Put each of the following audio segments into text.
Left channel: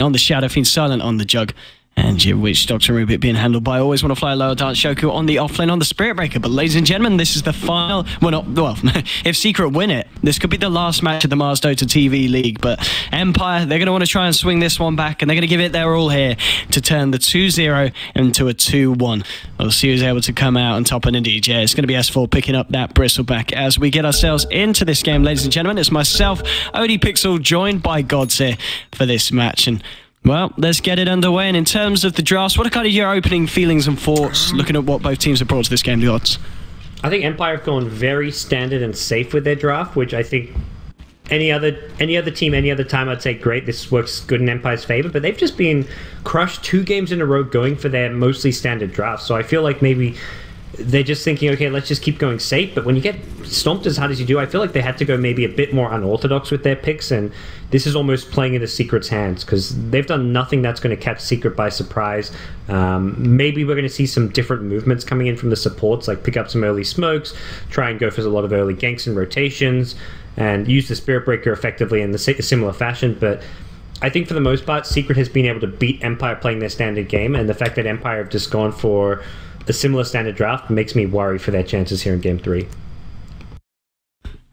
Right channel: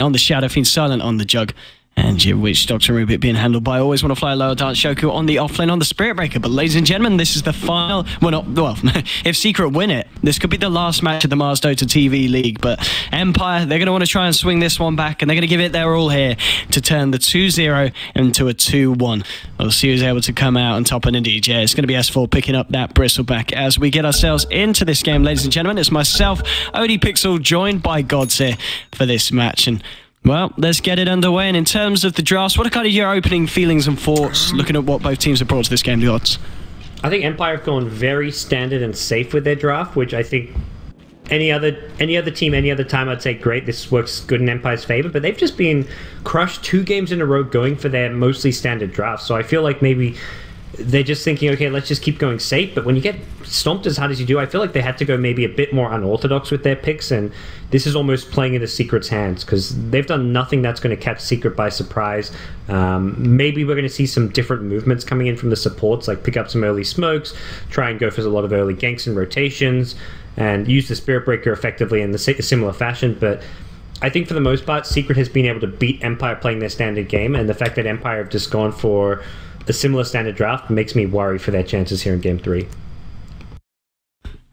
on the Shadow Fiend, silent on the Jug. And your Witch Doctor Rubik being handled by Always Want to Fly Lower Dance Shoku on the offlane on the Spirit Breaker. But ladies and gentlemen, this is the final. Well, if Secret win it, this could be the last match of the Mars Dota TV League. But Empire, they're going to want to try and swing this one back, and they're going to give it their all here to turn the 2-0 into a 2-1. We'll see who's able to come out on top. And indeed, yeah, it's going to be S4 picking up that Bristleback as we get ourselves into this game, ladies and gentlemen. It's myself, Odie Pixel, joined by Gods here for this match. And well, let's get it underway. And in terms of the drafts, what are kind of your opening feelings and thoughts looking at what both teams have brought to this game, the odds? I think Empire have gone very standard and safe with their draft, which I think any other team, any other time, I'd say great, this works good in Empire's favor. But they've just been crushed 2 games in a row going for their mostly standard drafts. So I feel like maybe they're just thinking, okay, let's just keep going safe. But when you get stomped as hard as you do, I feel like they had to go maybe a bit more unorthodox with their picks, and this is almost playing into Secret's hands because they've done nothing that's going to catch Secret by surprise. Maybe we're going to see some different movements coming in from the supports, like pick up some early smokes, try and go for a lot of early ganks and rotations, and use the Spirit Breaker effectively in the similar fashion. But I think for the most part, Secret has been able to beat Empire playing their standard game, and the fact that Empire have just gone for a similar standard draft makes me worry for their chances here in Game 3.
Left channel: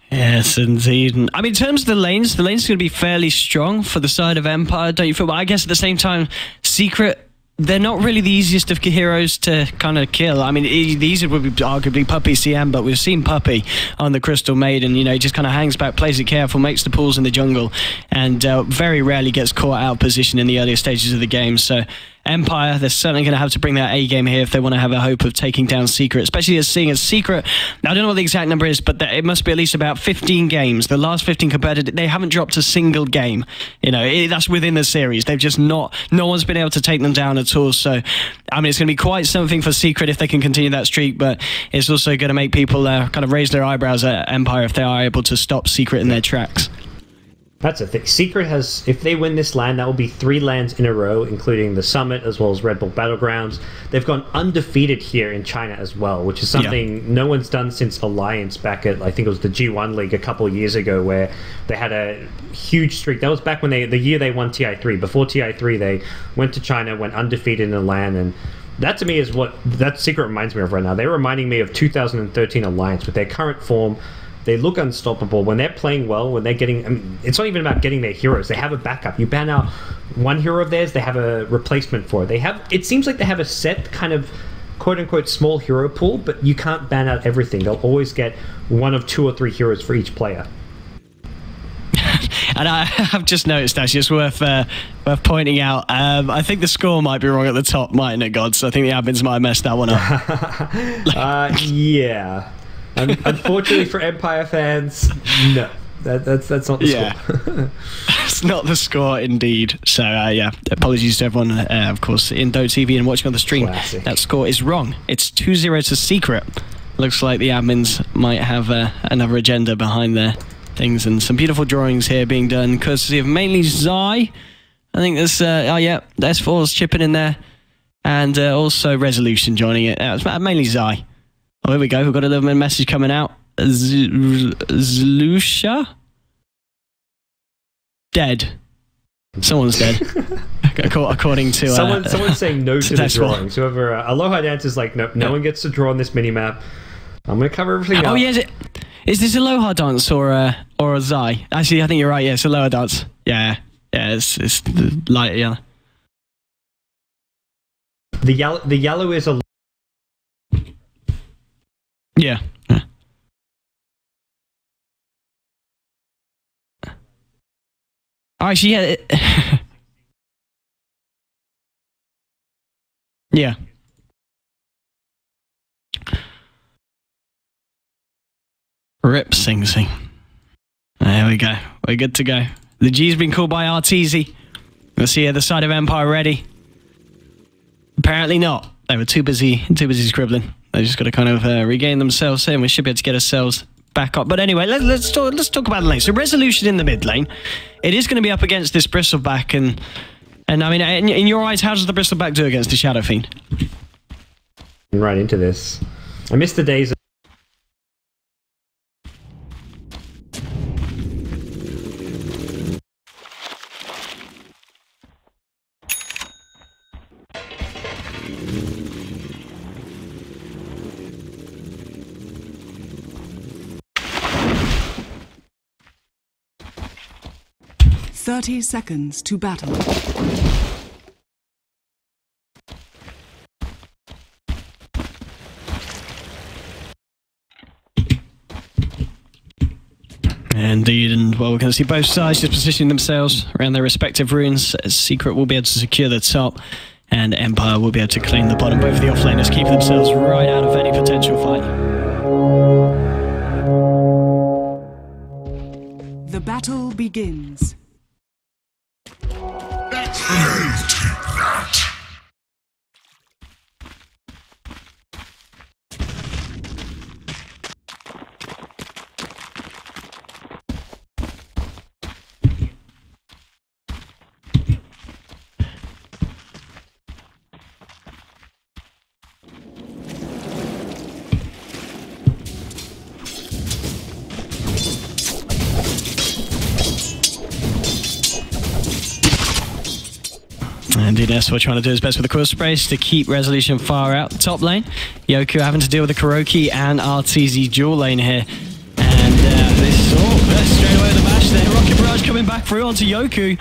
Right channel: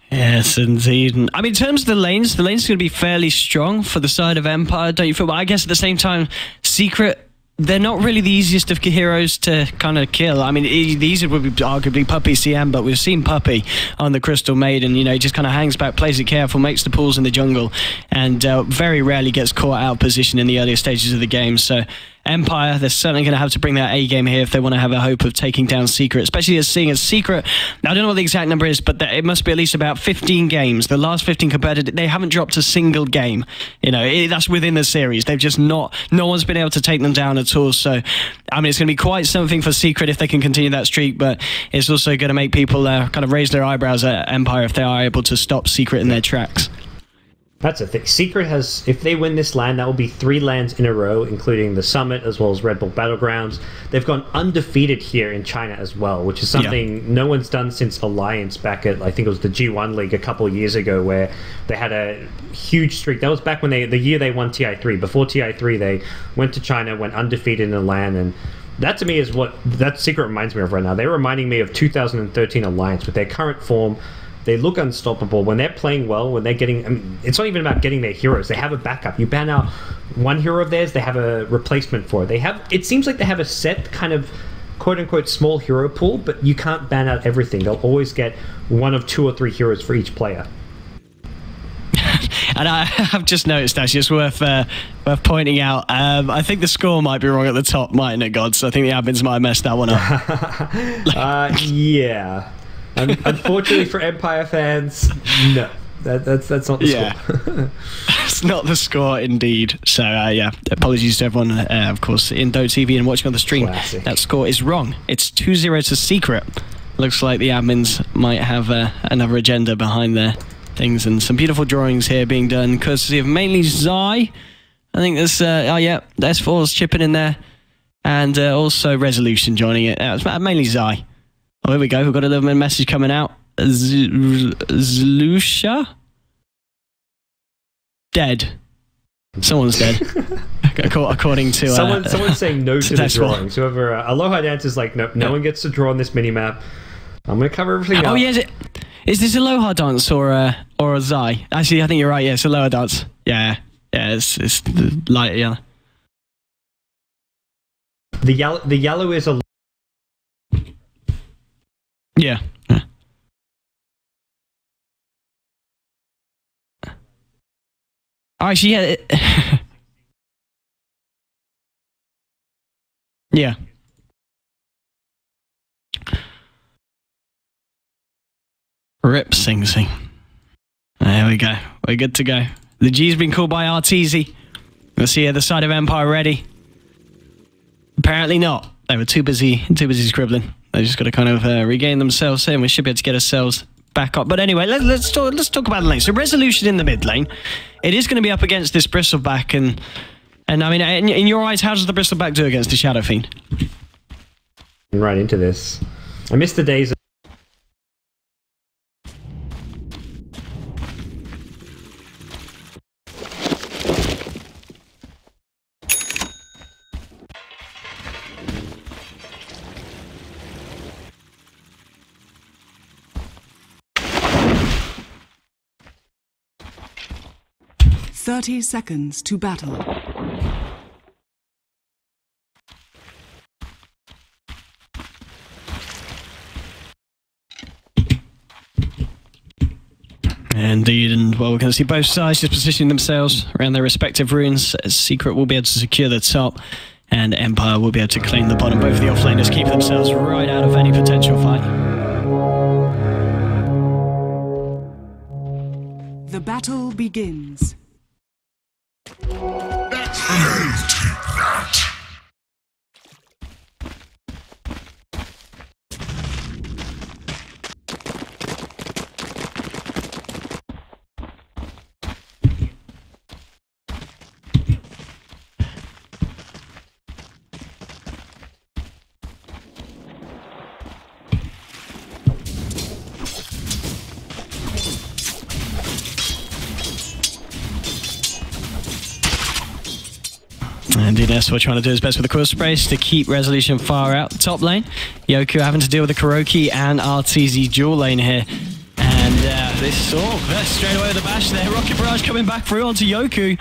Yes, indeed. I mean, in terms of the lanes are going to be fairly strong for the side of Empire, don't you feel? But I guess at the same time, Secret, they're not really the easiest of heroes to kind of kill. I mean, these would be arguably Puppy CM, but we've seen Puppy on the Crystal Maiden. You know, he just kind of hangs back, plays it careful, makes the pulls in the jungle, and very rarely gets caught out of position in the earlier stages of the game. So Empire, they're certainly going to have to bring that A game here if they want to have a hope of taking down Secret, especially as seeing as Secret, I don't know what the exact number is, but it must be at least about 15 games. The last 15 competitive, they haven't dropped a single game. You know, that's within the series. They've just no one's been able to take them down at all. So, I mean, it's going to be quite something for Secret if they can continue that streak, but it's also going to make people kind of raise their eyebrows at Empire if they are able to stop Secret in their tracks. That's the thing. Secret has, if they win this LAN, that will be 3 LANs in a row, including the Summit as well as Red Bull Battlegrounds. They've gone undefeated here in China as well, which is something no one's done since Alliance back at, I think it was the G1 League a couple of years ago, where they had a huge streak. That was back when the year they won TI3. Before TI3, they went to China, went undefeated in a LAN, and that to me is what that Secret reminds me of right now. They're reminding me of 2013 Alliance with their current form. They look unstoppable when they're playing well, when they're getting... I mean, it's not even about getting their heroes. They have a backup. You ban out one hero of theirs, they have a replacement for it. They have... It seems like they have a set kind of quote-unquote small hero pool, but you can't ban out everything. They'll always get 1 of 2 or 3 heroes for each player. And I have just noticed, actually, it's worth pointing out, I think the score might be wrong at the top, mightn't it, Gods? I think the admins might have messed that one up. Yeah. Unfortunately for Empire fans, no. That's not the score. It's not the score, indeed. So, yeah, apologies to everyone, of course, in Dota TV and watching on the stream. Classic. That score is wrong. It's 2-0 to Secret. Looks like the admins might have another agenda behind their things, and some beautiful drawings here being done, courtesy of mainly Zai. I think there's, S4's chipping in there, and also Resolution joining it. It's mainly Zai. Oh, here we go. We've got a little message coming out. Zlusha? Dead. Someone's dead. According to... someone's saying no to the drawings. Whoever... Aloha Dance is like, nope, no one gets to draw on this minimap. I'm going to cover everything up. Oh, yeah. Is this Aloha Dance or a Zai? Actually, I think you're right. Yeah, it's Aloha Dance. Yeah. Yeah, it's the light yellow. The yellow is a... Yeah. Actually, yeah. Yeah. Rip Sing Sing. There we go. We're good to go. The G's been called by Arteezy. We'll see the side of Empire ready. Apparently not. They were too busy scribbling. They just got to kind of regain themselves here, and we should be able to get ourselves back up. But anyway, let's talk about the lane. So Resolution in the mid lane. It is going to be up against this Bristleback, and I mean, in your eyes, how does the Bristleback do against the Shadow Fiend? Right into this. I miss the days of 30 seconds to battle. Indeed, and well, we're going to see both sides just positioning themselves around their respective runes. Secret will be able to secure the top, and Empire will be able to claim the bottom. Both of the offlaners keeping themselves right out of any potential fight. The battle begins. That's that. Indeed, Esfor trying to do his best with the quill sprays to keep Resolution far out. Top lane, Yoku having to deal with the Kuroki and RTZ dual lane here. And straight away with the bash there. Rocket Barrage coming back through onto Yoku.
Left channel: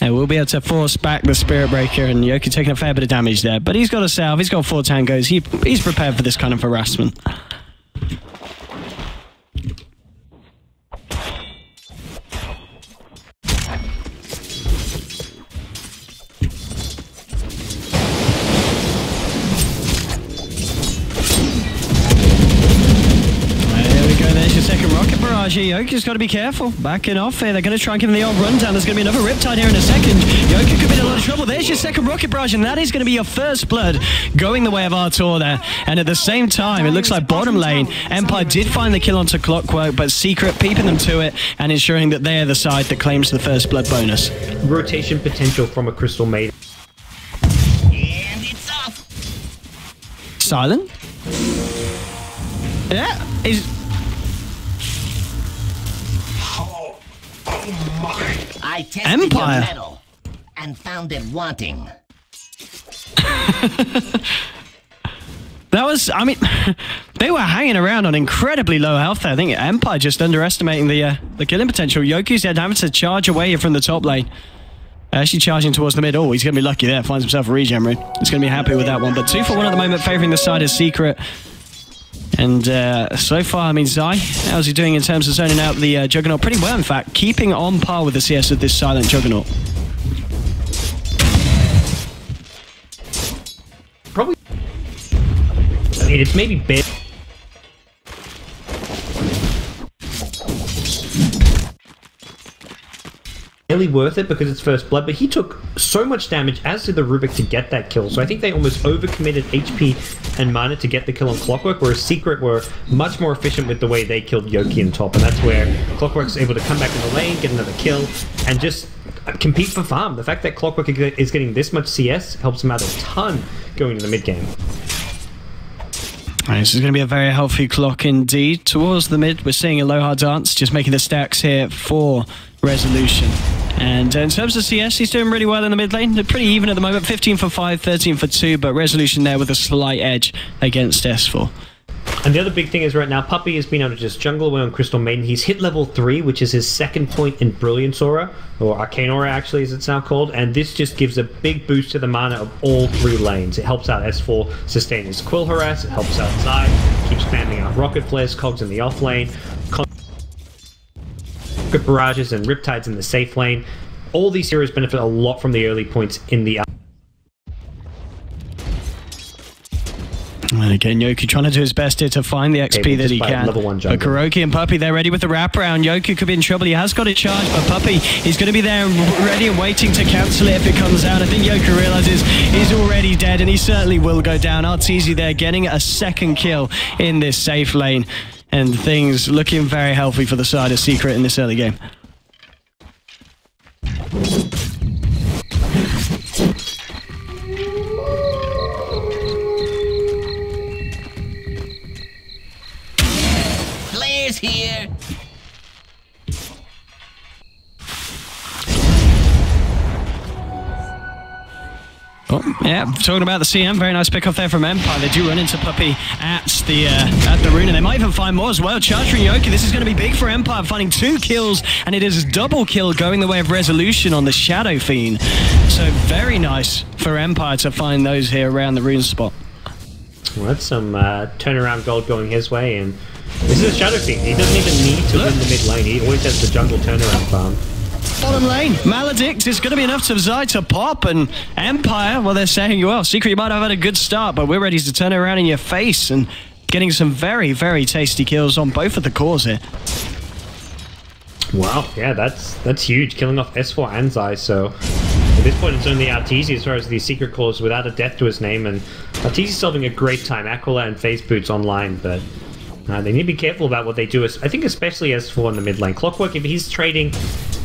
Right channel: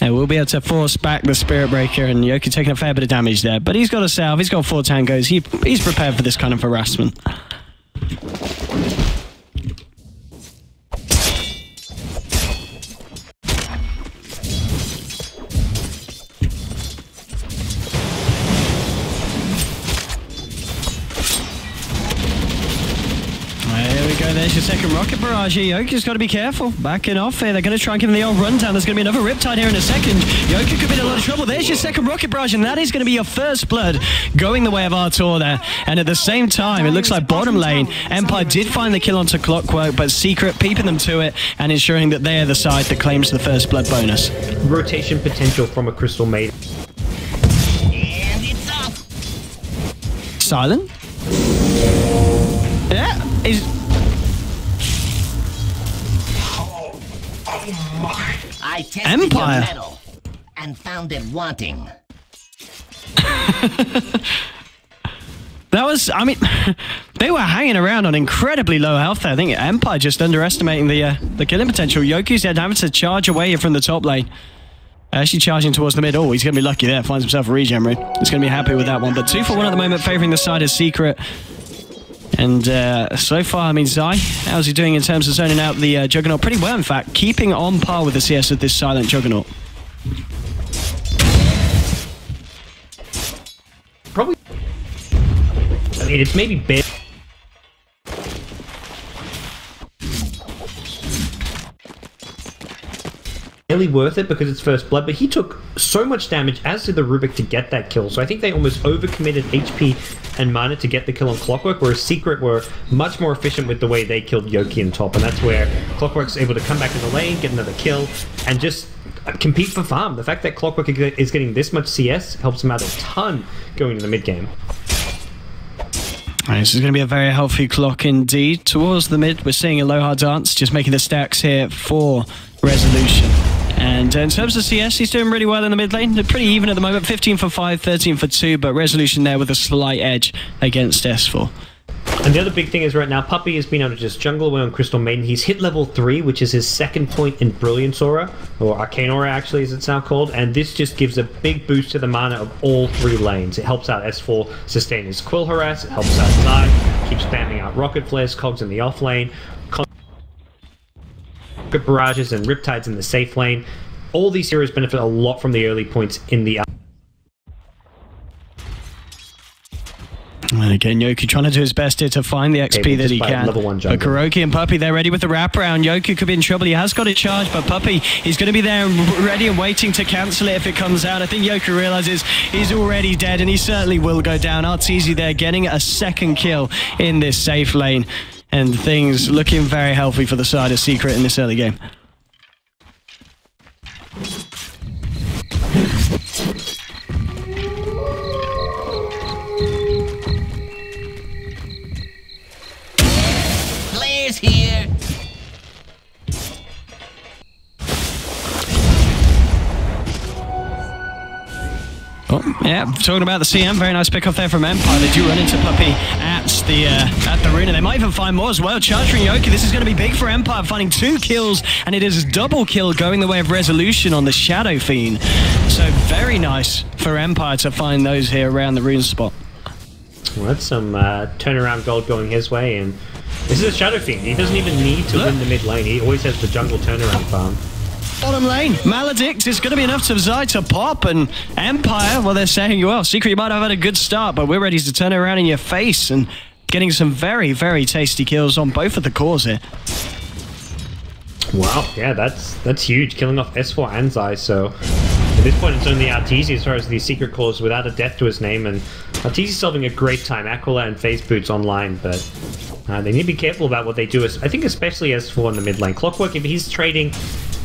And we'll be able to force back the Spirit Breaker, and Yoku taking a fair bit of damage there. But he's got a salve, he's got 4 tangos, he's prepared for this kind of harassment. There's your second rocket barrage here. Yoku's got to be careful. Backing off here. They're going to try and give him the old rundown. There's going to be another Riptide here in a second. Yoku could be in a lot of trouble. There's your second rocket barrage, and that is going to be your first blood going the way of Artur there. And at the same time, it looks like bottom lane, Empire did find the kill onto Clockwork, but Secret peeping them to it and ensuring that they're the side that claims the first blood bonus. Rotation potential from a Crystal Maiden. And it's up. Silent? Yeah. I tested Empire. your metal and found it wanting. That was, I mean, they were hanging around on incredibly low health there. I think Empire just underestimating the killing potential. Yoku's dead, having to charge away from the top lane. Actually charging towards the mid. Oh, he's going to be lucky there. Finds himself a regen rune. He's going to be happy with that one. But 2 for 1 at the moment, favouring the side of Secret. And so far, I mean, Zai, how's he doing in terms of zoning out the Juggernaut? Pretty well, in fact. Keeping on par with the CS of this silent Juggernaut. Probably. I mean, it's maybe bad. Barely worth it because it's first blood, but he took so much damage, as did the Rubik, to get that kill. So I think they almost overcommitted HP and mana to get the kill on Clockwork, whereas Secret were much more efficient with the way they killed Yoki in top, and that's where Clockwork's able to come back in the lane, get another kill, and just compete for farm. The fact that Clockwork is getting this much CS helps him out a ton going to the mid game. This is going to be a very healthy clock indeed. Towards the mid, we're seeing a Aloha dance, just making the stacks here for Resolution. And in terms of CS, he's doing really well in the mid lane. They're pretty even at the moment, 15 for 5, 13 for 2, but Resolution there with a slight edge against S4. And the other big thing is right now, Puppey has been able to just jungle away on Crystal Maiden. He's hit level 3, which is his second point in Brilliance Aura, or Arcane Aura actually as it's now called, and this just gives a big boost to the mana of all 3 lanes. It helps out S4 sustain his Quill Harass, it helps out Zai, keeps spamming out Rocket Flares, Cogs in the off lane, Rocket Barrages and Riptides in the safe lane. All these heroes benefit a lot from the early points in the... And again, Yoku trying to do his best here to find the XP that he can. Level 1 but Kuroki and Puppey, they're ready with the wraparound. Yoku could be in trouble. He has got it charged, but Puppey, he's going to be there ready and waiting to cancel it if it comes out. I think Yoku realizes he's already dead, and he certainly will go down. Arteezy there getting a second kill in this safe lane. And things looking very healthy for the side of Secret in this early game. Flares here. Oh, Oh, yeah, talking about the CM, very nice pick off there from Empire. They do run into Puppey at the rune, and they might even find more as well. Charging Yoki, this is going to be big for Empire, finding 2 kills, and it is a double kill going the way of Resolution on the Shadow Fiend. So very nice for Empire to find those here around the rune spot. Well, that's some turnaround gold going his way, and this is a Shadow Fiend. He doesn't even need to win the mid lane. He always has the jungle turnaround farm. Bottom lane, Maledict is going to be enough to Zai to pop, and Empire, well, they're saying, well, Secret, you might have had a good start, but we're ready to turn it around in your face, and getting some very, very tasty kills on both of the cores here. Wow, yeah, that's huge, killing off S4 and Zai, so at this point it's only Arteezy as far as these Secret cores without a death to his name, and Arteezy's having a great time. Aquila and FaZe Boots online, but they need to be careful about what they do. I think especially S4 in the mid lane. Clockwork, if he's trading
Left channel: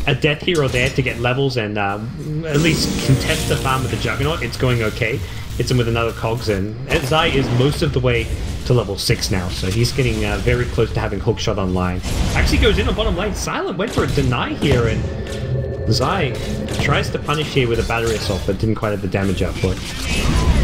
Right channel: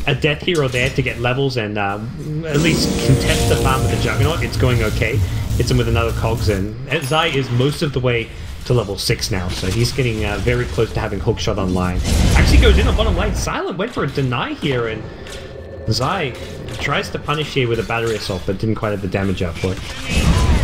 a death here or there to get levels and at least contest the farm with the Juggernaut, it's going okay. Hits him with another Cogs, and Zai is most of the way to level 6 now, so he's getting very close to having hookshot online. Actually goes in on bottom lane. Silent went for a deny here, and Zai tries to punish here with a battery assault, but didn't quite have the damage output.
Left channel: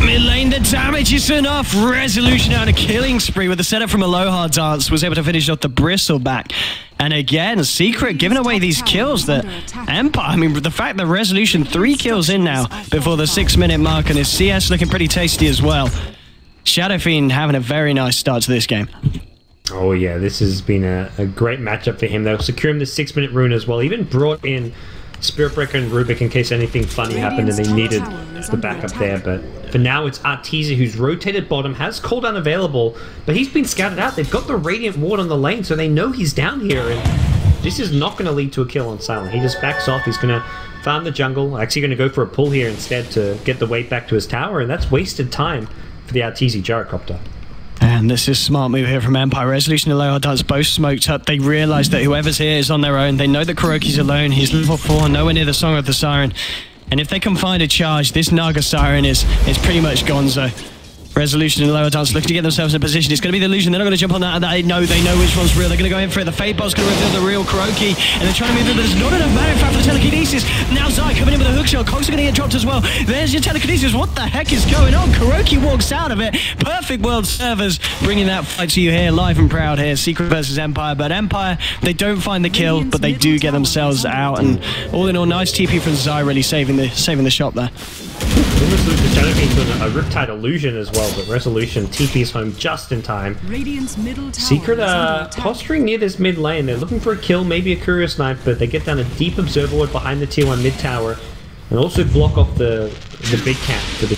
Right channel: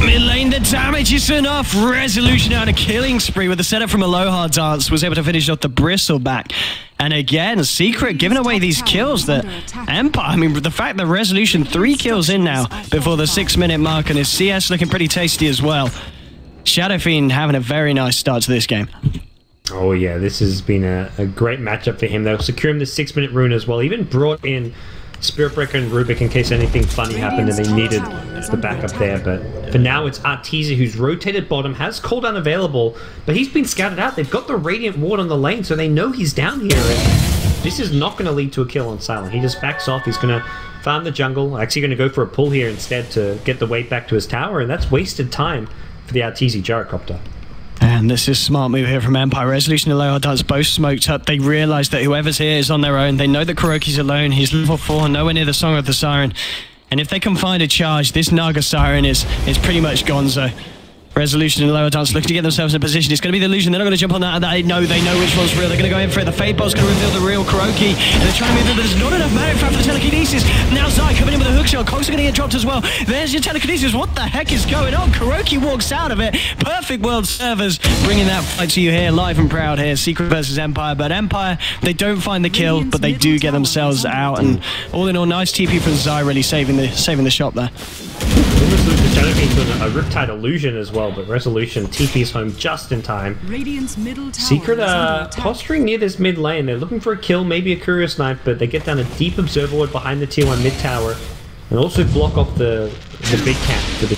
Mid lane, the damage is enough. Resolution on a killing spree with the setup from Aloha Dance, was able to finish off the Bristleback. And again, Secret giving away these kills that Empire, I mean, the fact that Resolution 3 kills in now before the 6-minute mark, and his CS looking pretty tasty as well. Shadow Fiend having a very nice start to this game. Oh yeah, this has been a great matchup for him. They'll secure him the 6-minute rune as well. Even brought in Spirit Breaker and Rubik in case anything funny happened and they needed the backup there. But for now, it's Arteezy who's rotated bottom, has cooldown available, but he's been scouted out. They've got the Radiant Ward on the lane, so they know he's down here, and this is not going to lead to a kill on Silent. He just backs off. He's going to farm the jungle. Actually going to go for a pull here instead to get the weight back to his tower, and that's wasted time for the Arteezy Gyrocopter. And this is a smart move here from Empire. Resolution and Aloha Dance both smoked up. They realise that whoever's here is on their own. They know that Kuroki's alone. He's level 4, nowhere near the Song of the Siren. And if they can find a charge, this Naga Siren is pretty much gonzo. Resolution and Aloha Dance looking to get themselves in a position. It's going to be the illusion. They're not going to jump on that. They know which one's real. They're going to go in for it. The Fade Bot's going to reveal the real Kuroki. And they're trying to move in, but there's not enough mana in fact for the telekinesis. Now Zai coming in with a hookshot. Cogs are going to get dropped as well. There's your telekinesis. What the heck is going on? Kuroki walks out of it. Perfect world servers bringing that fight to you here, live and proud here. Secret versus Empire. But Empire, they don't find the kill, but they do get themselves out. And all in all, nice TP from Zai, really saving the shop there. Almost lose the Shadow Fiend to a Riptide illusion as well, but Resolution TP's home just in time. Secret posturing near this mid lane. They're looking for a kill, maybe a Courier Snipe, but they get down a deep Observer Ward behind the tier 1 mid tower and also block off the big camp for the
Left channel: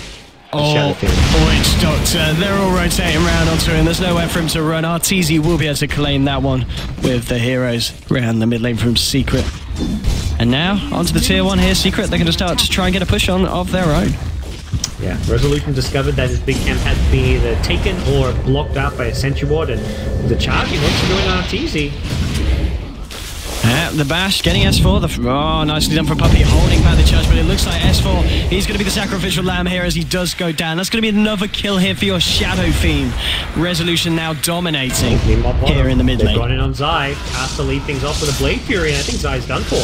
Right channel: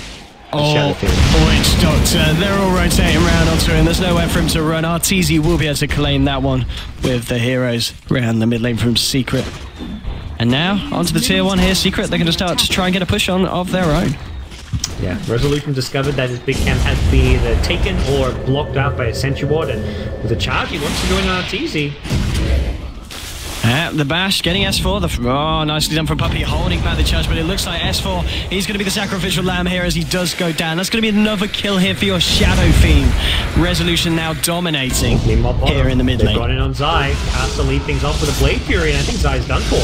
Shadow Fiend. Witch Doctor, they're all rotating around onto him. There's nowhere for him to run. Arteezy will be able to claim that one with the heroes around the mid lane from Secret. And now, onto the tier 1 here, Secret. They're going to start to try and get a push on of their own. Yeah, Resolution discovered that his big camp had been either taken or blocked out by a Sentry Ward, and with a charge, he wants to go in on Arteezy. The bash, getting S4. Oh, nicely done from Puppey, holding back the charge, but it looks like S4, he's going to be the sacrificial lamb here as he does go down. That's going to be another kill here for your Shadow Fiend. Resolution now dominating here in the mid lane. They've got in on Zai, has to lead things off with a Blade Fury, and I think Zai's done for.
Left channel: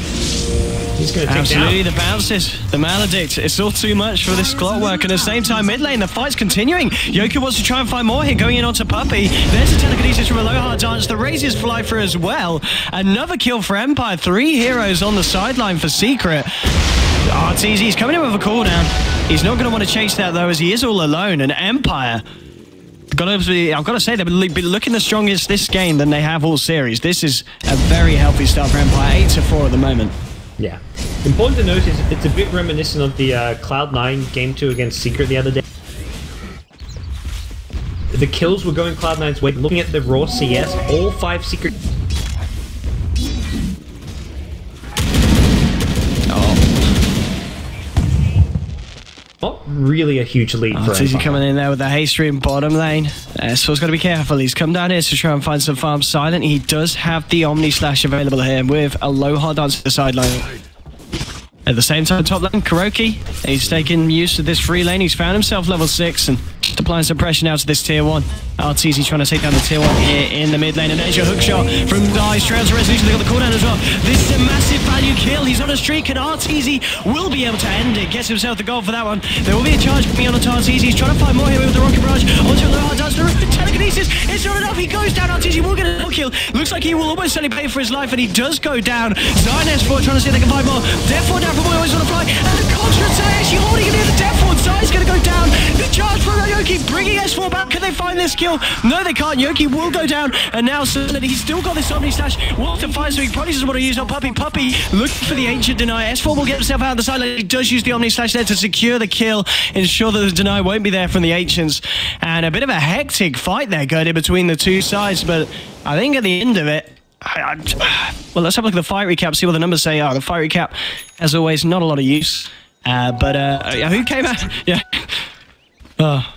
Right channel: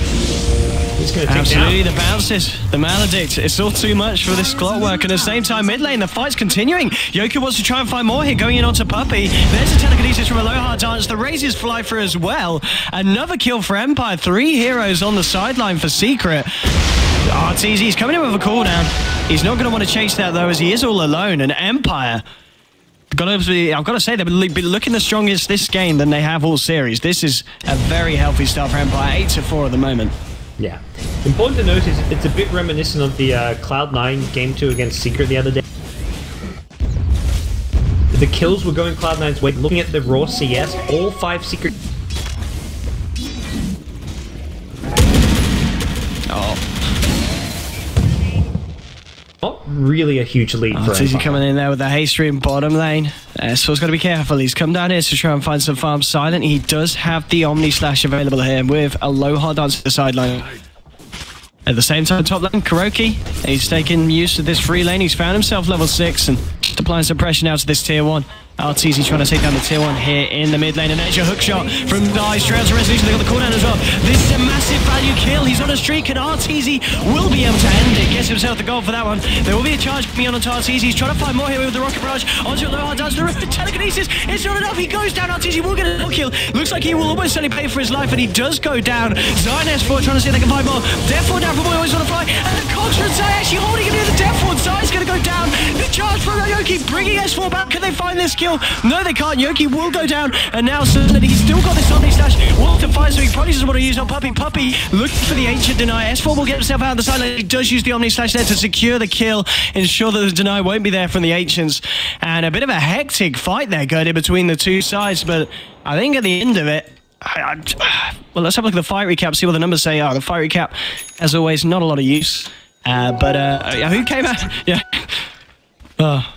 He's going to take Absolutely, down. The bounces, the Maledict. It's all too much for this Clockwork. And at the same time, mid lane, the fight's continuing. Yoku wants to try and find more here, going in onto Puppey. There's a telekinesis from Aloha Dance. The raises fly through as well. Another kill for Empire. 3 heroes on the sideline for Secret. Arteezy's coming in with a cooldown. He's not going to want to chase that, though, as he is all alone. And Empire, I've got to say, they've been looking the strongest this game than they have all series. This is a very healthy start for Empire. 8-4 at the moment. Yeah. Important to note is it's a bit reminiscent of the Cloud9 Game 2 against Secret the other day. The kills were going Cloud9's way. Looking at the raw CS, all 5 Secret... Not really a huge lead for Arteezy Empire. coming in there with a haste stream bottom lane. S4's got to be careful. He's come down here to try and find some farm. Silent. He does have the Omni Slash available here with Aloha Dance to the sideline. At the same time, top lane, Kuroki. He's taking use of this free lane. He's found himself level 6 and just applying some pressure now to this tier 1. RTZ trying to take down the tier 1 here in the mid lane, and there's your hook shot from Dice. Straight to Resolution, they got the cooldown as well. This is a massive value kill. He's on a streak, and RTZ will be able to end it. Gets himself the goal for that one. There will be a charge coming on to RTZ. He's trying to find more here with the rocket barrage. Onto a low hard dance. The telekinesis. It's not enough. He goes down. RTZ will get a kill. Looks like he will almost certainly pay for his life, and he does go down. Zion S4 trying to see if they can find more. Death Ward down from always on the fly. And the Contra and Zai actually holding him near the Death Ward. Zai's going to go down. The charge from Yoki bringing S4 back. Can they find this kill? No, they can't. Yoki will go down. And now suddenly he's still got this Omni Slash. Wants to find, so he probably doesn't want to use on Puppey. Puppey looking for the Ancient Deny. S4 will get himself out of the side. He does use the Omni Slash there to secure the kill, ensure that the Deny won't be there from the Ancients. And a bit of a hectic fight there going in between the two sides. But I think at the end of it, well, let's have a look at the fight recap, see what the numbers say are. The fight recap, as always, not a lot of use. But who came out? Yeah. Oh.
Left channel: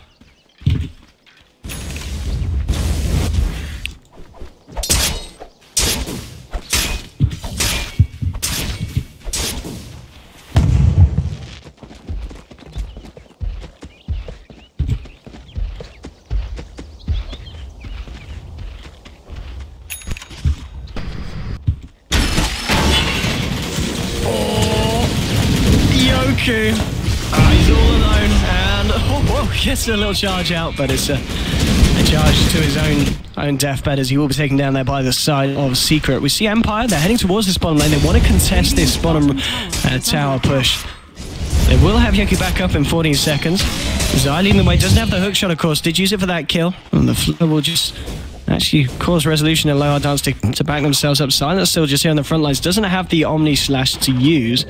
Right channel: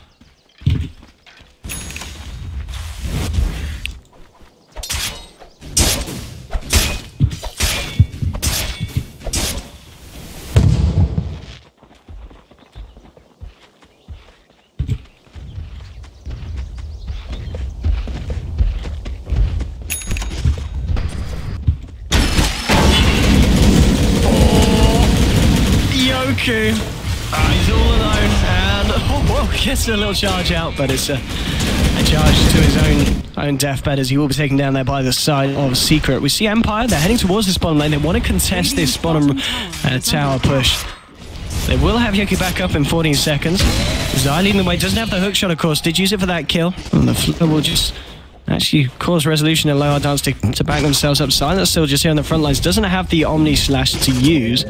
He's all alone, and gets a little charge out, but it's a charge to his own deathbed, as he will be taken down there by the side of Secret. We see Empire, they're heading towards this bottom lane. They want to contest this bottom tower push. They will have Yoki back up in 14 seconds. Zai leading the way, doesn't have the hook shot, of course, did use it for that kill, and the flow will just actually cause Resolution and Low Dance to back themselves up. Silence still just here on the front lines, doesn't have the Omni Slash to use.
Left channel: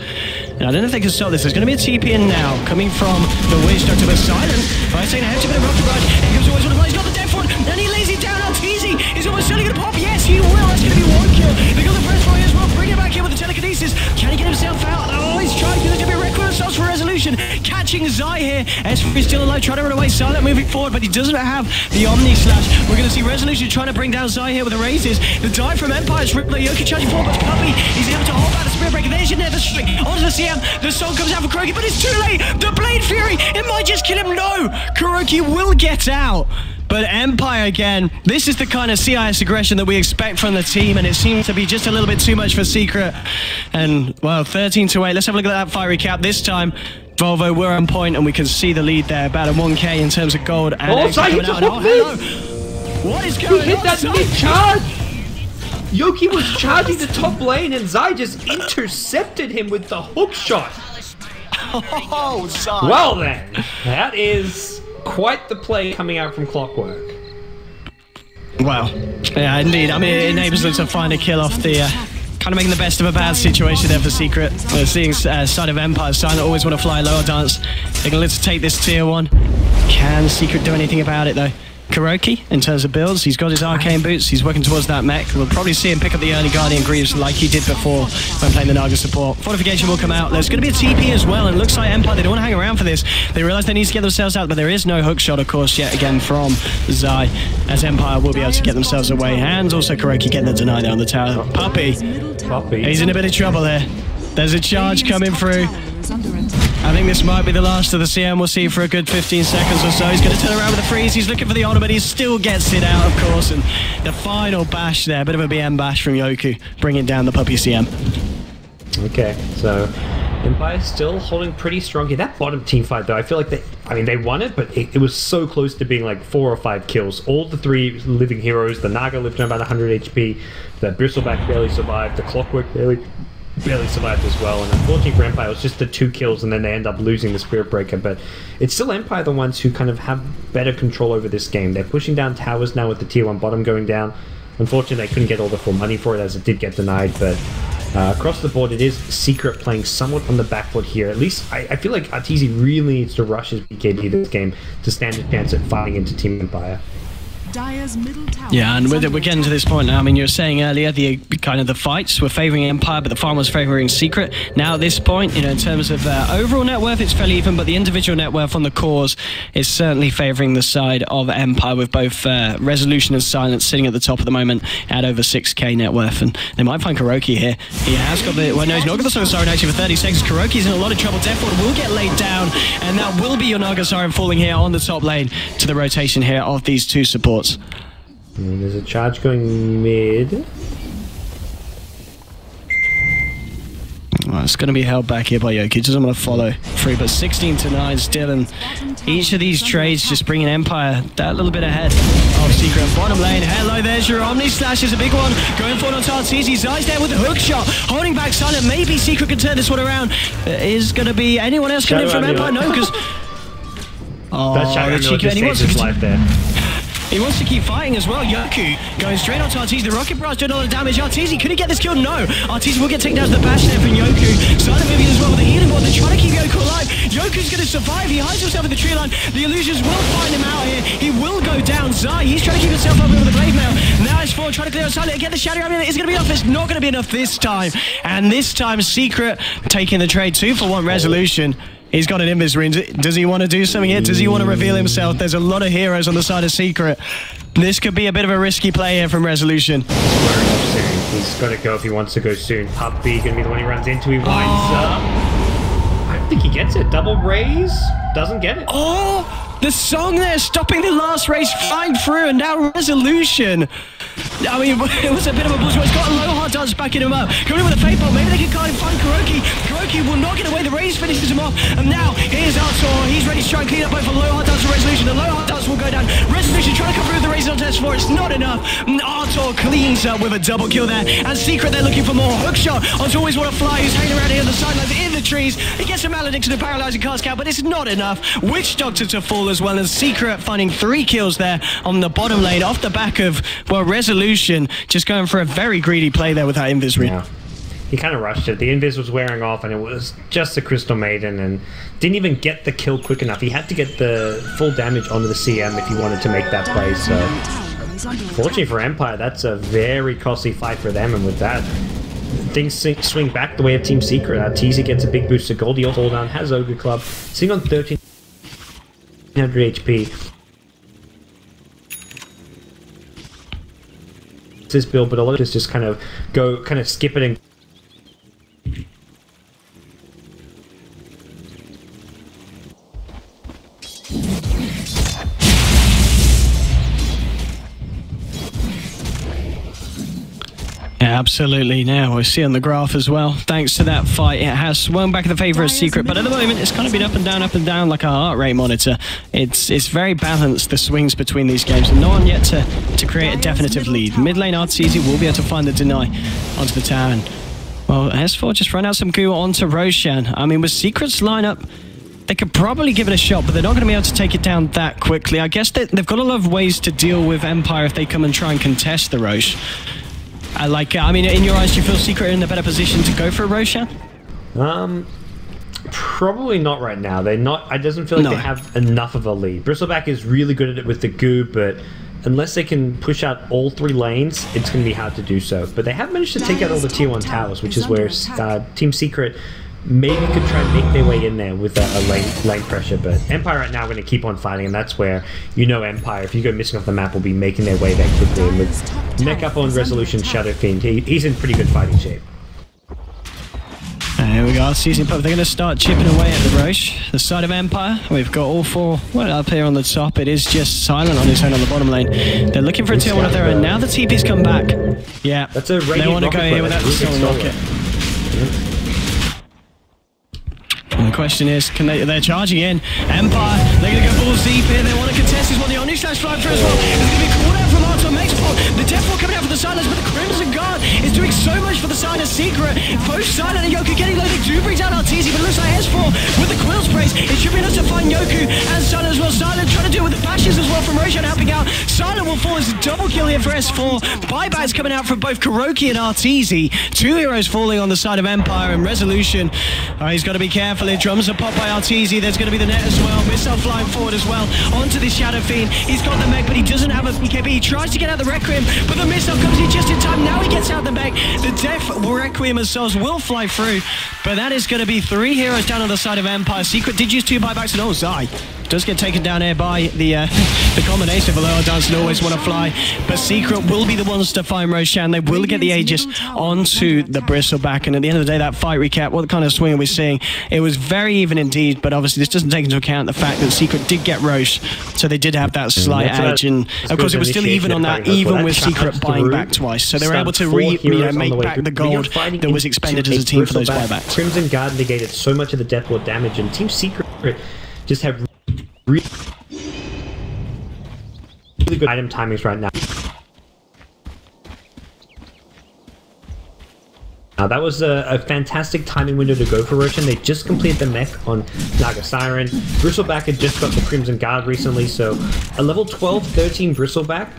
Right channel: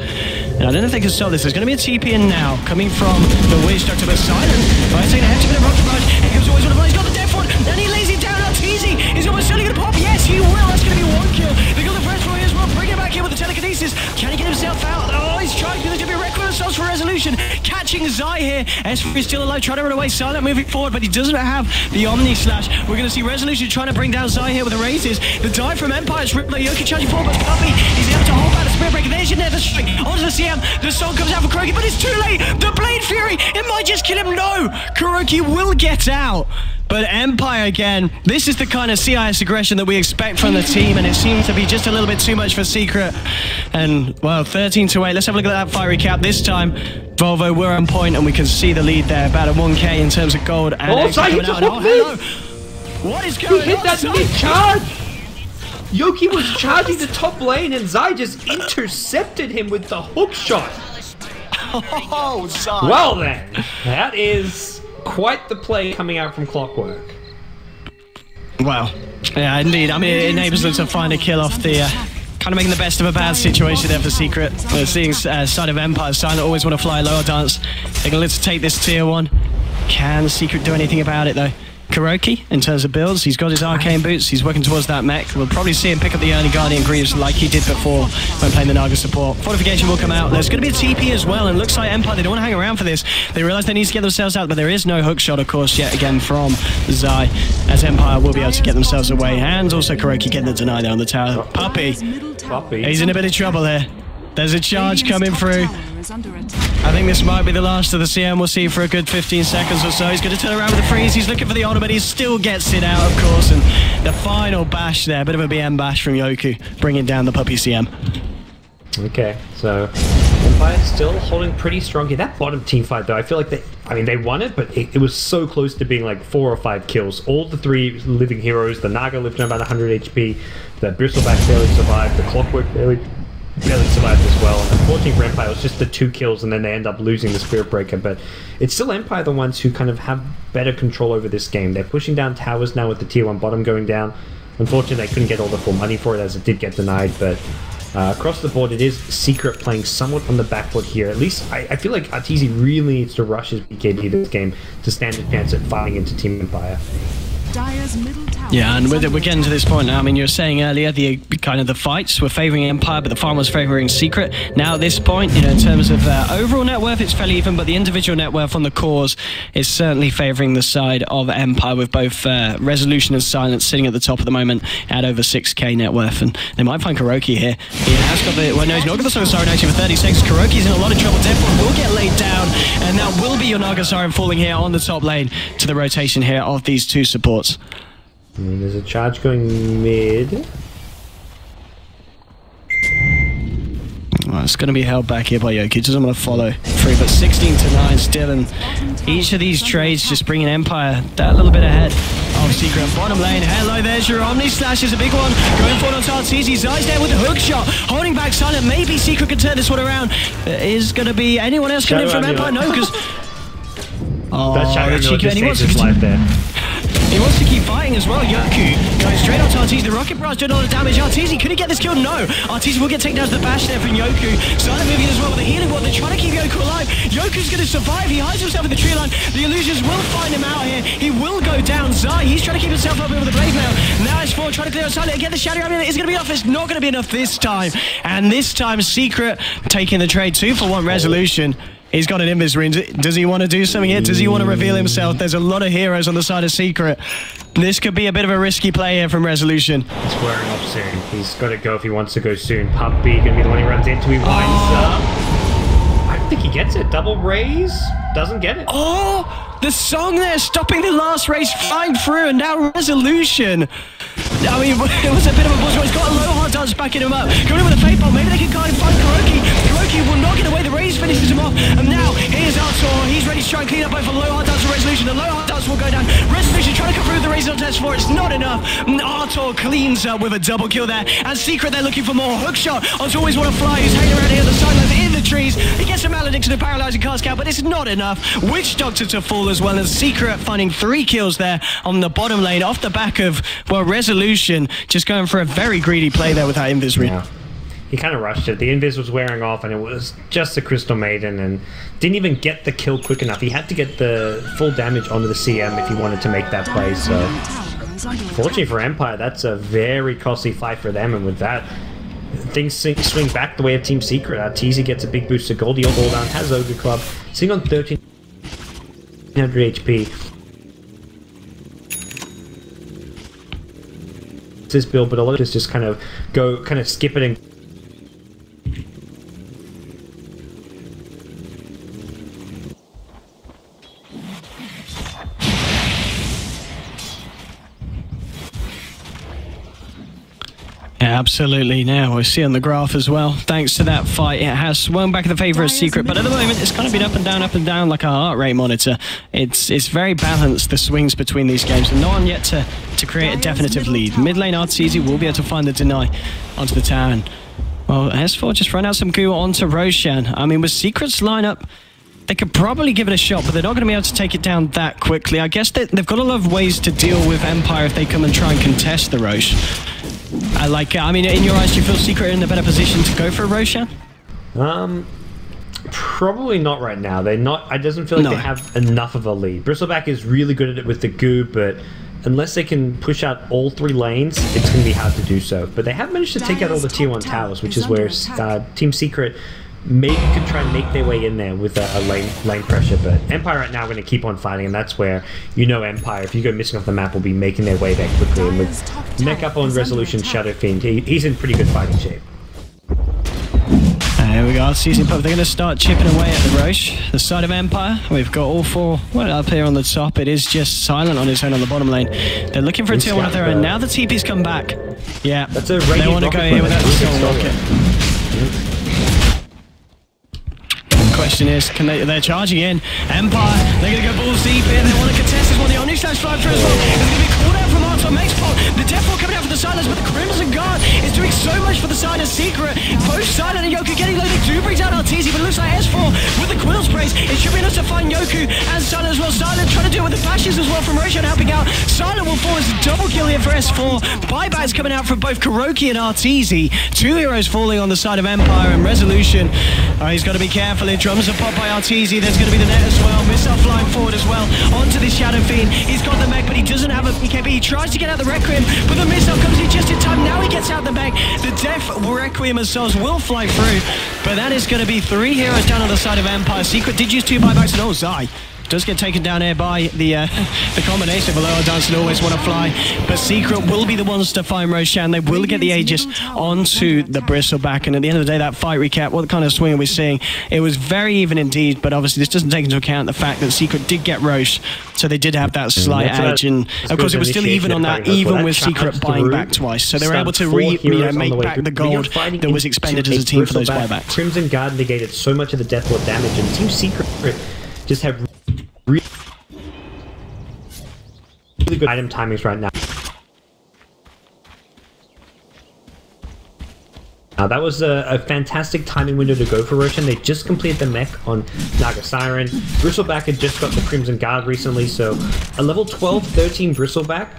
And I don't know if they can stop this. There's going to be a TP in now, coming from the Witch Doctor, but Silent, by taking a hefty bit of rocket barrage, here comes always one of He's got the Death Ward, and he lays it down. Arteezy is almost certainly going to pop. Yes, he will. That's going to be one kill. They got the Breath Fire as well. Bring it back in with the telekinesis. Can he get himself out? Oh, he's trying. There's going to be a record of for Resolution. Catching Zai here. S4 is still alive, trying to run away. Silent moving forward, but he doesn't have the Omni Slash. We're going to see Resolution trying to bring down Zai here with the raises. The dive from Empire's ripped. Yoki charging forward, but Puppey is able to hold back the Spirit Breaker. There's your Nether Strike onto the CM. The song comes out for Kuroki, but it's too late. The Blade Fury, it might just kill him. No, Kuroki will get out. But Empire again, this is the kind of CIS aggression that we expect from the team, and it seems to be just a little bit too much for Secret. And, well, 13-8. Let's have a look at that fight recap. This time, Volvo, we're on point, and we can see the lead there, about a 1k in terms of gold. And hello! What is going on? He hit that mid-charge! Yoki was charging the top lane, and Zai just intercepted him with the hook shot. Oh, Zai. Well then, that is quite the play coming out from Clockwork. Well, yeah, indeed. I mean, it enables them to find a kill off the... kind of making the best of a bad situation there for Secret. We're seeing side of Empire, Silent always want to fly lower dance. They can let's take this tier 1. Can Secret do anything about it, though? Kuroki, in terms of builds, he's got his arcane boots, he's working towards that mech. We'll probably see him pick up the early Guardian Greaves like he did before when playing the Naga support. Fortification will come out. There's going to be a TP as well, and it looks like Empire, they don't want to hang around for this. They realize they need to get themselves out, but there is no hook shot, of course, yet again from Zai, as Empire will be able to get themselves away. And also Kuroki getting the deny there on the tower. Puppey, he's in a bit of trouble here. There's a charge coming through. I think this might be the last of the CM we'll see for a good 15 seconds or so. He's going to turn around with a freeze. He's looking for the ultimate. He still gets it out, of course. And the final bash there, a bit of a BM bash from Yoku, bringing down the Puppey CM. Okay, so Empire still holding pretty strong here. That bottom team fight, though, I feel like they won it, but it was so close to being like 4 or 5 kills. All the 3 living heroes, the Naga lived on about 100 HP, the Bristleback barely survived, the Clockwork barely survived as well, and unfortunately for Empire it was just the 2 kills, and then they end up losing the Spirit Breaker. But it's still Empire the ones who kind of have better control over this game. They're pushing down towers now with the tier 1 bottom going down. Unfortunately they couldn't get all the full money for it, as it did get denied, but across the board it is Secret playing somewhat on the back foot here. At least I feel like Arteezy really needs to rush his BKB this game to stand a chance at fighting into Team Empire. Yeah, and we're getting to this point now. I mean, you were saying earlier the kind of the fights were favouring Empire, but the farm was favouring Secret. Now at this point, you know, in terms of overall net worth, it's fairly even, but the individual net worth on the cores is certainly favouring the side of Empire, with both Resolution and Silence sitting at the top at the moment at over 6k net worth. And they might find Kuroki here. He has got the... Well, no, he's not got the Song of Siren actually for 30 seconds. Kuroki's in a lot of trouble. Death Ward will get laid down, and that will be your Naga Siren falling here on the top lane to the rotation here of these 2 supports. thoughts? There's a charge going mid. Well, it's going to be held back here by Yoki. Doesn't want to follow through, but 16-9 still, and each of these trades just bringing Empire that little bit ahead of Secret. Bottom lane, hello, there's your Omni Slash is a big one. Going forward on Tartese. Zai's there with the hook shot, holding back Silent. Maybe Secret can turn this one around. Is going to be anyone else coming in from Empire? No, because... Oh, that cheeky, just saves his life there. He wants to keep fighting as well. Yoku going straight on to Arteezy. The Rocket Barrage doing a lot of damage. Arteezy, could he get this kill? No. Arteezy will get taken down to the bash there from Yoku. Silent moving as well with the healing ward. They're trying to keep Yoku alive. Yoku's going to survive. He hides himself in the tree line. The illusions will find him out here. He will go down. Zai, he's trying to keep himself up with the blade mail. Now it's 4 trying to clear out Silent. Again, the Shadow Amulet is going to be enough. It's not going to be enough this time. And this time, Secret taking the trade. 2-for-1 resolution. He's got an invis ring. Does he want to do something here? Does he want to reveal himself? There's a lot of heroes on the side of Secret. This could be a bit of a risky play here from Resolution. He's wearing off soon. He's got to go if he wants to go soon. Puppy going to be the one he runs into. He winds up. I don't think he gets it. Double raise. Doesn't get it. Oh, the song there stopping the last race, flying through, and now Resolution. I mean, it was a bit of a buzz. He's got a low hard dance backing him up. Going in with a fake bomb. Maybe they can kind of find Kuroki. Kuroki will not get away. The raise finishes him off. And now here's Artur. He's ready to try and clean up both a low hard dance and Resolution. The low hard dance will go down. Resolution trying to come through with the raise on test 4. It's not enough. Artur cleans up with a double kill there. And Secret, they're looking for more. Hook shot. Artur always want to fly. He's hanging around here on the sidelines in the trees. He gets a malediction and paralyzing cast out, but it's not enough. Witch Doctor to fall as well. And Secret finding 3 kills there on the bottom lane off the back of, well, Resolution just going for a very greedy play there with that invis ring. Yeah. He kind of rushed it. The invis was wearing off, and it was just the Crystal Maiden, and didn't even get the kill quick enough. He had to get the full damage onto the CM if he wanted to make that play. So, fortunately for Empire, that's a very costly fight for them, and with that, things swing back the way of Team Secret. Teasy gets a big boost to gold. He'll fall down, has Ogre Club, sitting on 1300 HP. This build, but a lot of this just kind of skip it and yeah, absolutely. Now we see on the graph as well, thanks to that fight, it has swung back in the favor of Secret, but at the moment it's kind of been up and down like a heart rate monitor. It's very balanced, the swings between these games, and no one yet to create a definitive lead. Mid lane Arteezy will be able to find the deny onto the tower. And, well, S4 just run out some goo onto Roshan. I mean, with Secret's lineup, they could probably give it a shot, but they're not going to be able to take it down that quickly. I guess they've got a lot of ways to deal with Empire if they come and try and contest the Rosh. I mean, in your eyes, do you feel Secret in a better position to go for Roshan? Probably not right now. They're not. It doesn't feel like they have enough of a lead. Bristleback is really good at it with the goo, but unless they can push out all 3 lanes, it's going to be hard to do so. But they have managed to take out all the tier 1 towers, which is where Team Secret maybe could try and make their way in there with a lane pressure. But Empire right now are going to keep on fighting, and that's where, you know, Empire, if you go missing off the map, will be making their way there quickly. And with neck up on Resolution, Shadow Fiend, he's in pretty good fighting shape. Here we go, season pop. They're going to start chipping away at the Rosh, the side of Empire. We've got all 4 up here on the top. It is just Silent on his own on the bottom lane. They're looking for a tier 1 of their own. Now the TP's come back. Yeah, that's a they want to go here with that Soul Rocket. And the question is, they're charging in. Empire, they're going to go balls deep here. They want to contest this one. The Omni Slash flying through as well. It's going to be called out from Artur Mexpol. The Death Ball coming out for the Silence, but the Crimson Guard is doing so much for the side of Secret. Both Silent and Yoku getting low. They do bring down Arteezy, but it looks like S4 with the Quill Sprays. It should be enough to find Yoku and Silent as well. Silent trying to do it with the bashes as well from Roshan helping out. Silent will fall as a double kill here for S4. Buybacks coming out from both Kuroki and Arteezy. 2 heroes falling on the side of Empire, and Resolution. He's got to be careful. Drums are popped by Arteezy. There's going to be the net as well. Missile flying forward as well onto the Shadow Fiend. He's got the mech, but he doesn't have a BKB. He tries to get out the Requiem, but the missile comes in just in time. Now he gets out the mech. The Death Requiem as souls will fly through, but that is going to be 3 heroes down on the side of Empire. Secret did use 2 buybacks, and oh, Zai Does get taken down here by the combination of Aloha Dance and Always Wanna Fly, but Secret will be the ones to find Roshan. They will get the Aegis onto the Bristleback, and at the end of the day, that fight recap, what kind of swing are we seeing? It was very even indeed, but obviously this doesn't take into account the fact that Secret did get Roche, so they did have that slight edge, and of course it was still even on that, even with Secret buying back twice, so they were able to make back the gold that was expended as a team for those buybacks. Crimson Guard negated so much of the Deathlord damage, and Team Secret just have really good item timings right now. That was a fantastic timing window to go for Roshan. They just completed the mech on Naga Siren. Bristleback had just got the Crimson Guard recently, so a level 12, 13 Bristleback,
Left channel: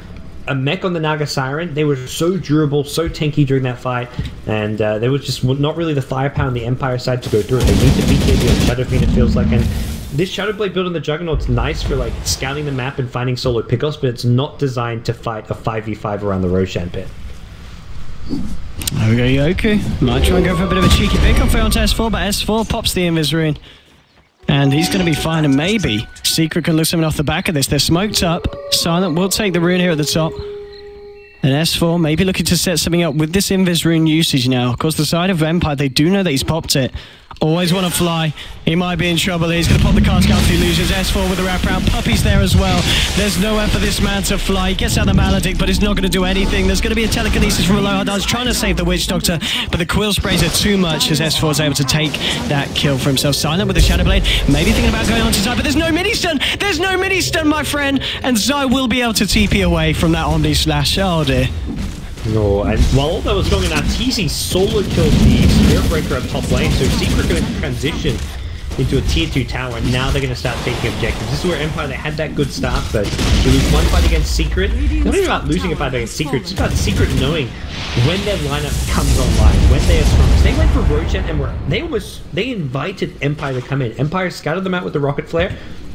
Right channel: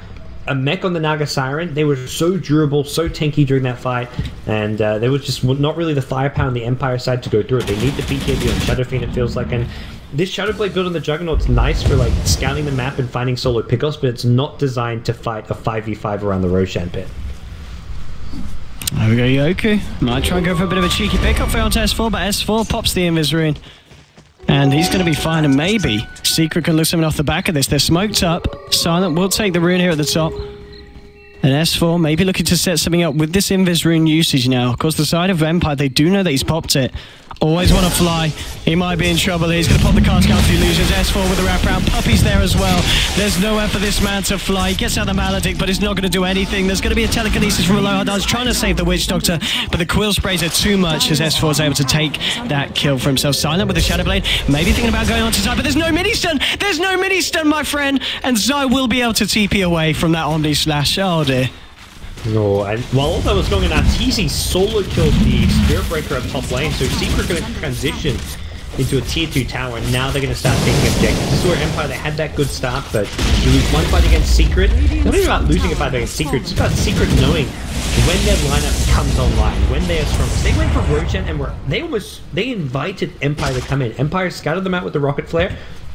a mech on the Naga Siren. They were so durable, so tanky during that fight, and there was just not really the firepower on the Empire side to go through it. They need the BKB on Shadow Fiend, it feels like, and this Shadow Blade build on the Juggernaut's nice for like scouting the map and finding solo pickoffs, but it's not designed to fight a 5v5 around the Roshan pit. There we go, Yoku. Might try and go for a bit of a cheeky pickup for onto S4, but S4 pops the Invis Rune. And he's going to be fine, and maybe Secret can look something off the back of this. They're smoked up. Silent will take the rune here at the top. And S4 maybe looking to set something up with this Invis Rune usage now. Of course, the side of Empire, they do know that he's popped it. Always want to fly. He might be in trouble here. He's going to pop the cast out to illusions. S4 with the wraparound. Puppy's there as well. There's nowhere for this man to fly. He gets out the Maledict, but he's not going to do anything. There's going to be a telekinesis from Aloha Dance trying to save the Witch Doctor, but the Quill Sprays are too much as S4 is able to take that kill for himself. Silent with the Shadow Blade. Maybe thinking about going on to Zai, but there's no mini-stun. There's no mini-stun, my friend. And Zai will be able to TP away from that Omni Slash. Oh, dear. No, and while all that was going on, TZ solo killed the Spirit Breaker up top lane, so Secret going to transition into a tier 2 tower, and now they're going to start taking objectives. This is where Empire, they had that good start, but you lose one fight against Secret. Not even about losing a fight against Secret, it's about Secret knowing when their lineup comes online, when they are strongest. They went for Roshan, and they invited Empire to come in. Empire scouted them out with the Rocket Flare,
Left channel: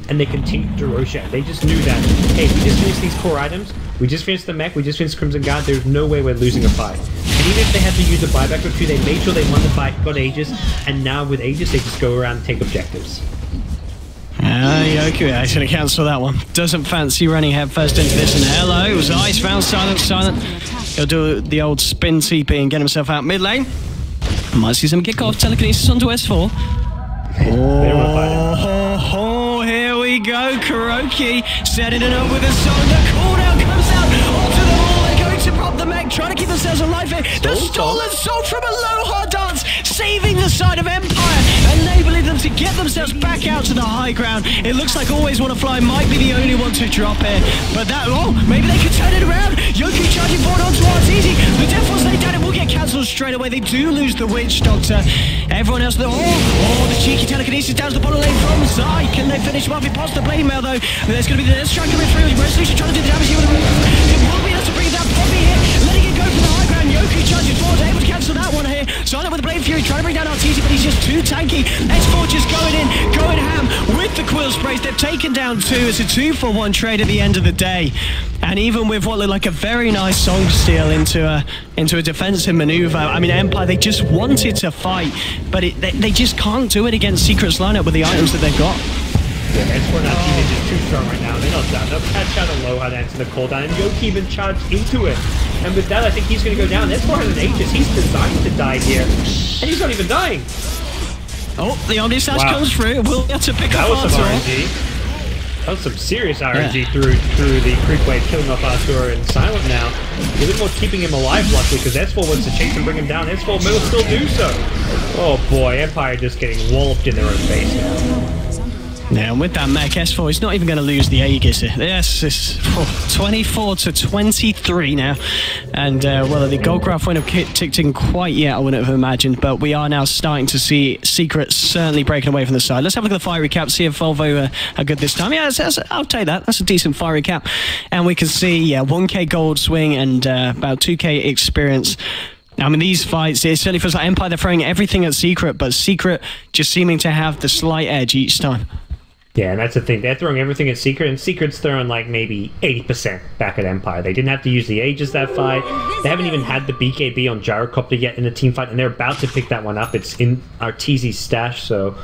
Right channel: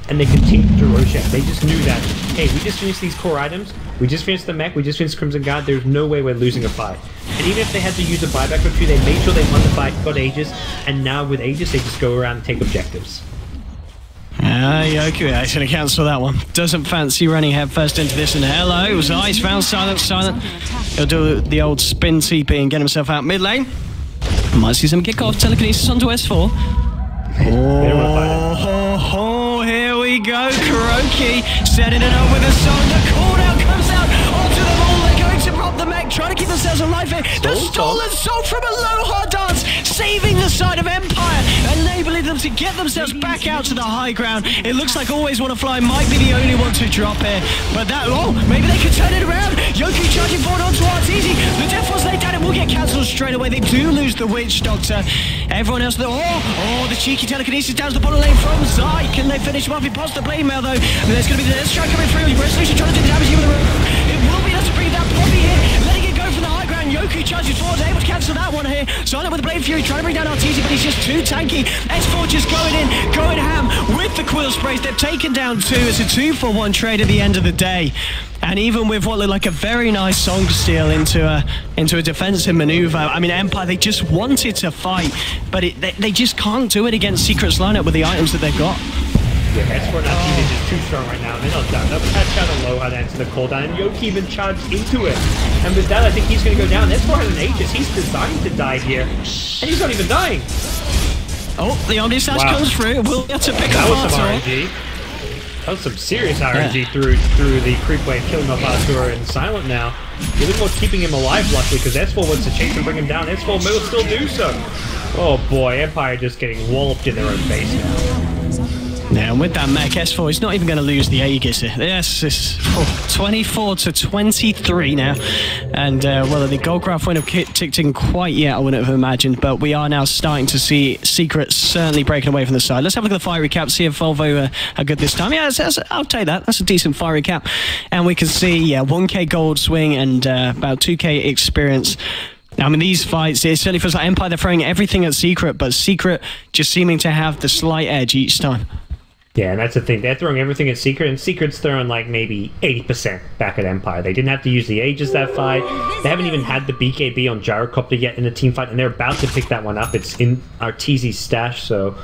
and they continued to Roshan. They just knew that, hey, we just finished these core items, we just finished the mech, we just finished Crimson Guard, there's no way we're losing a fight. And even if they had to use a buyback or two, they made sure they won the fight, got Aegis, and now with Aegis, they just go around and take objectives. Yoku actually cancel that one. Doesn't fancy running headfirst into this, and hello, Zai's found Silent. He'll do the old spin TP and get himself out mid lane. Might see some kickoff telekinesis onto S4. Oh, here we go. Kuroki setting it up with a song. The cooldown comes out onto them all. They're going to prop the mech, trying to keep themselves alive here. The stolen soul from Aloha Dance, saving the side of Empire, enabling them to get themselves back out to the high ground. It looks like Always Wanna Fly might be the only one to drop here, but maybe they could turn it around. Yoku charging forward onto Arteezy. The death was laid down. It will get cancelled straight away. They do lose the Witch Doctor. Everyone else, the cheeky telekinesis down to the bottom lane from Zai. Can they finish him off? He pops the blade mail though. There's going to be the strike coming through. Resolution trying to do the damage here with the rope. It will be enough to bring that Poppy here, letting it go from the high ground. Yoku charges forward, able to cancel that one here. Silent with the Blade Fury, trying to bring down Arteezy, but he's just too tanky. S4 just going in, going ham with the Quill Sprays. They've taken down two. It's a 2-for-1 trade at the end of the day. And even with what looked like a very nice song steal into a defensive maneuver, I mean, Empire, they just wanted to fight, but they just can't do it against Secret's lineup with the items that they've got. Yeah, S4 and Arteezy is just too strong right now. They're not done. They'll catch out Aloha to answer the cooldown, and Yoki even charged into it. And with that, I think he's going to go down. S4 has an Aegis. He's designed to die here, and he's not even dying. Oh, the Omni Slash comes through. We'll get to pick up That was some Arthur. RNG. That was some serious RNG through the creep wave, killing off Arthur and Silent now. A little more keeping him alive, luckily, because S4 wants to chase and bring him down. S4 will still do so. Oh boy, Empire just getting walloped in their own face now. Now, with that mech, S4 is not even going to lose the Aegis. Yes, it's 24-23 now. And, well, the gold graph wouldn't have ticked in quite yet, I wouldn't have imagined. But we are now starting to see Secret certainly breaking away from the side. Let's have a look at the fire recap, see if Volvo are good this time. Yeah, I'll take that. That's a decent fire recap. And we can see, 1k gold swing and about 2k experience. I mean, these fights, it certainly feels like Empire, they're throwing everything at Secret, but Secret just seeming to have the slight edge each time. Yeah, and that's the thing. They're throwing everything at Secret, and Secret's throwing like maybe 80% back at Empire. They didn't have to use the Aegis that fight. They haven't even had the BKB on Gyrocopter yet in a team fight, and they're about to pick that one up. It's in Arteezy's stash, so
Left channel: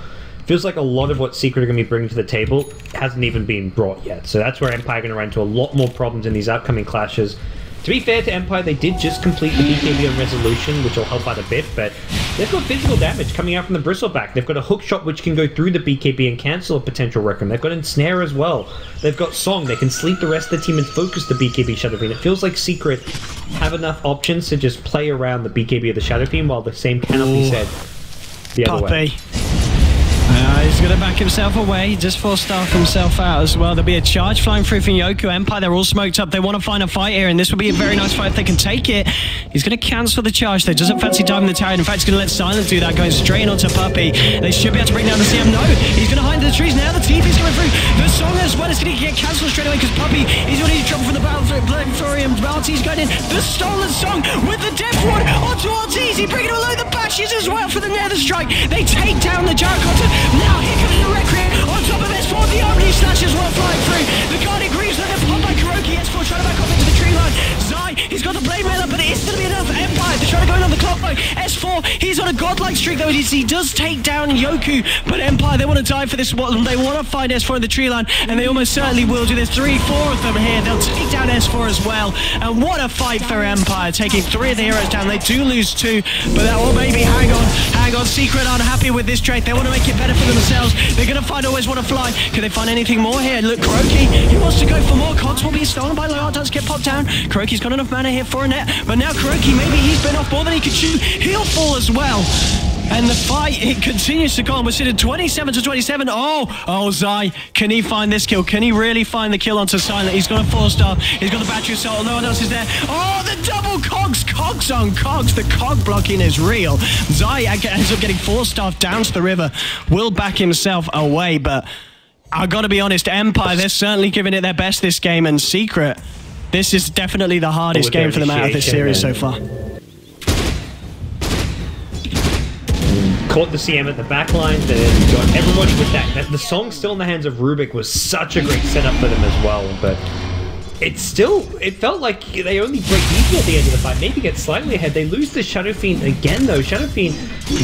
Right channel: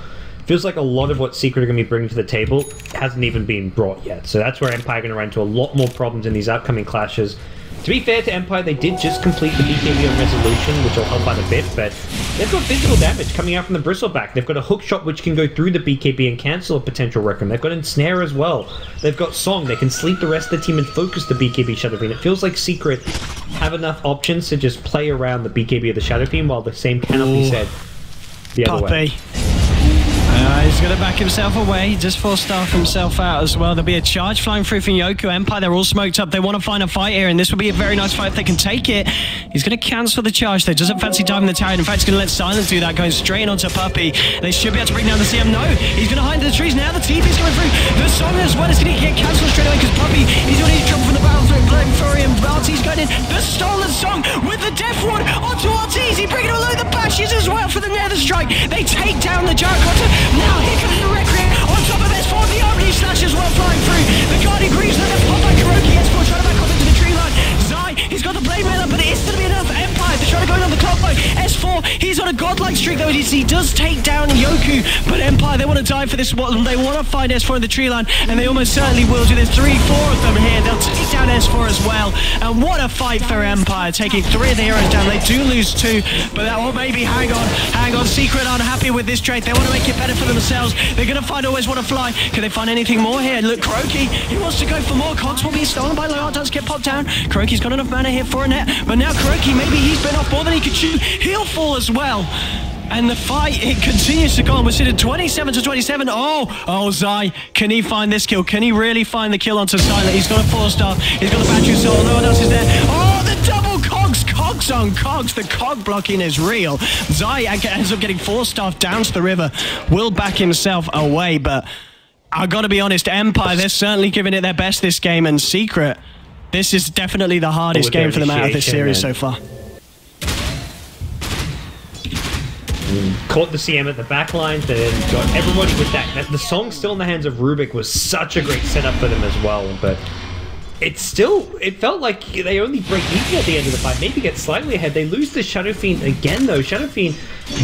feels like a lot of what Secret are going to be bringing to the table hasn't even been brought yet. So that's where Empire are going to run into a lot more problems in these upcoming clashes. To be fair to Empire, they did just complete the BKB on Resolution, which will help out a bit, but they've got physical damage coming out from the Bristleback. They've got a hook shot which can go through the BKB and cancel a potential Requiem. They've got Ensnare as well. They've got Song. They can sleep the rest of the team and focus the BKB Shadow Fiend. It feels like Secret have enough options to just play around the BKB of the Shadow Fiend, while the same cannot be said the other way. He's going to back himself away. He just force-staff himself out as well. There'll be a charge flying through from Yoku. Empire, they're all smoked up. They want to find a fight here, and this will be a very nice fight if they can take it. He's going to cancel the charge, though. Doesn't fancy diving the tower. In fact, he's going to let Silence do that, going straight onto Puppey. They should be able to bring down the CM. No, he's going to hide in the trees. Now the TP is coming through. The Song as well is going to get cancelled straight away because Puppey, he's already in trouble from the battlefield. Blame Fury and RT's going in. The stolen Song with the Death Ward onto RT's. He bringing along the bashes as well for the Nether Strike. They take down the Gyrocopter. Now here comes the Requiem on top of S4. The Omni Slash as well flying through. The Guardian Greaves, then they're popped by Kuroki. S4 trying to back off into the tree line. Zai, he's got the Blade Mailer, but it is going to be enough. Empire, they're trying to go in on the clock though. S4, he's on a godlike streak though. He does take down Yoku, but Empire, they want to die for this one. They want to find S4 in the tree line, and they almost certainly will do. There's 3-4 of them here. They'll take down S4 as well. And what a fight for Empire, taking 3 of the heroes down. They do lose 2, but that, oh maybe, hang on. Secret aren't happy with this trade. They want to make it better for themselves. They're going to find Always Want to Fly. Can they find anything more here? Look, Kuroki, he wants to go for more. Cogs will be stolen by Loyal. Does get popped down. Kuroki's got enough mana here for a net, but now Kuroki, maybe he's been off more than he could shoot. He'll fall as well. And the fight, it continues to go on. We're sitting 27-27. Oh, Zai, can he find this kill? Can he really find the kill onto Silent? He's got a 4-star. He's got a battery assault. No one else is there. Oh, the double Cogs. Cogs on Cogs. The Cog blocking is real. Zai ends up getting 4-star down to the river. Will back himself away, but I got to be honest, Empire, they're certainly giving it their best this game, and Secret, this is definitely the hardest game for them out of this series so far. Caught the CM at the back line, then got everybody with that. The Song still in the hands of Rubik was such a great setup for them as well, but it felt like they only break even at the end of the fight, maybe get slightly ahead. They lose the Shadow Fiend again though. Shadow Fiend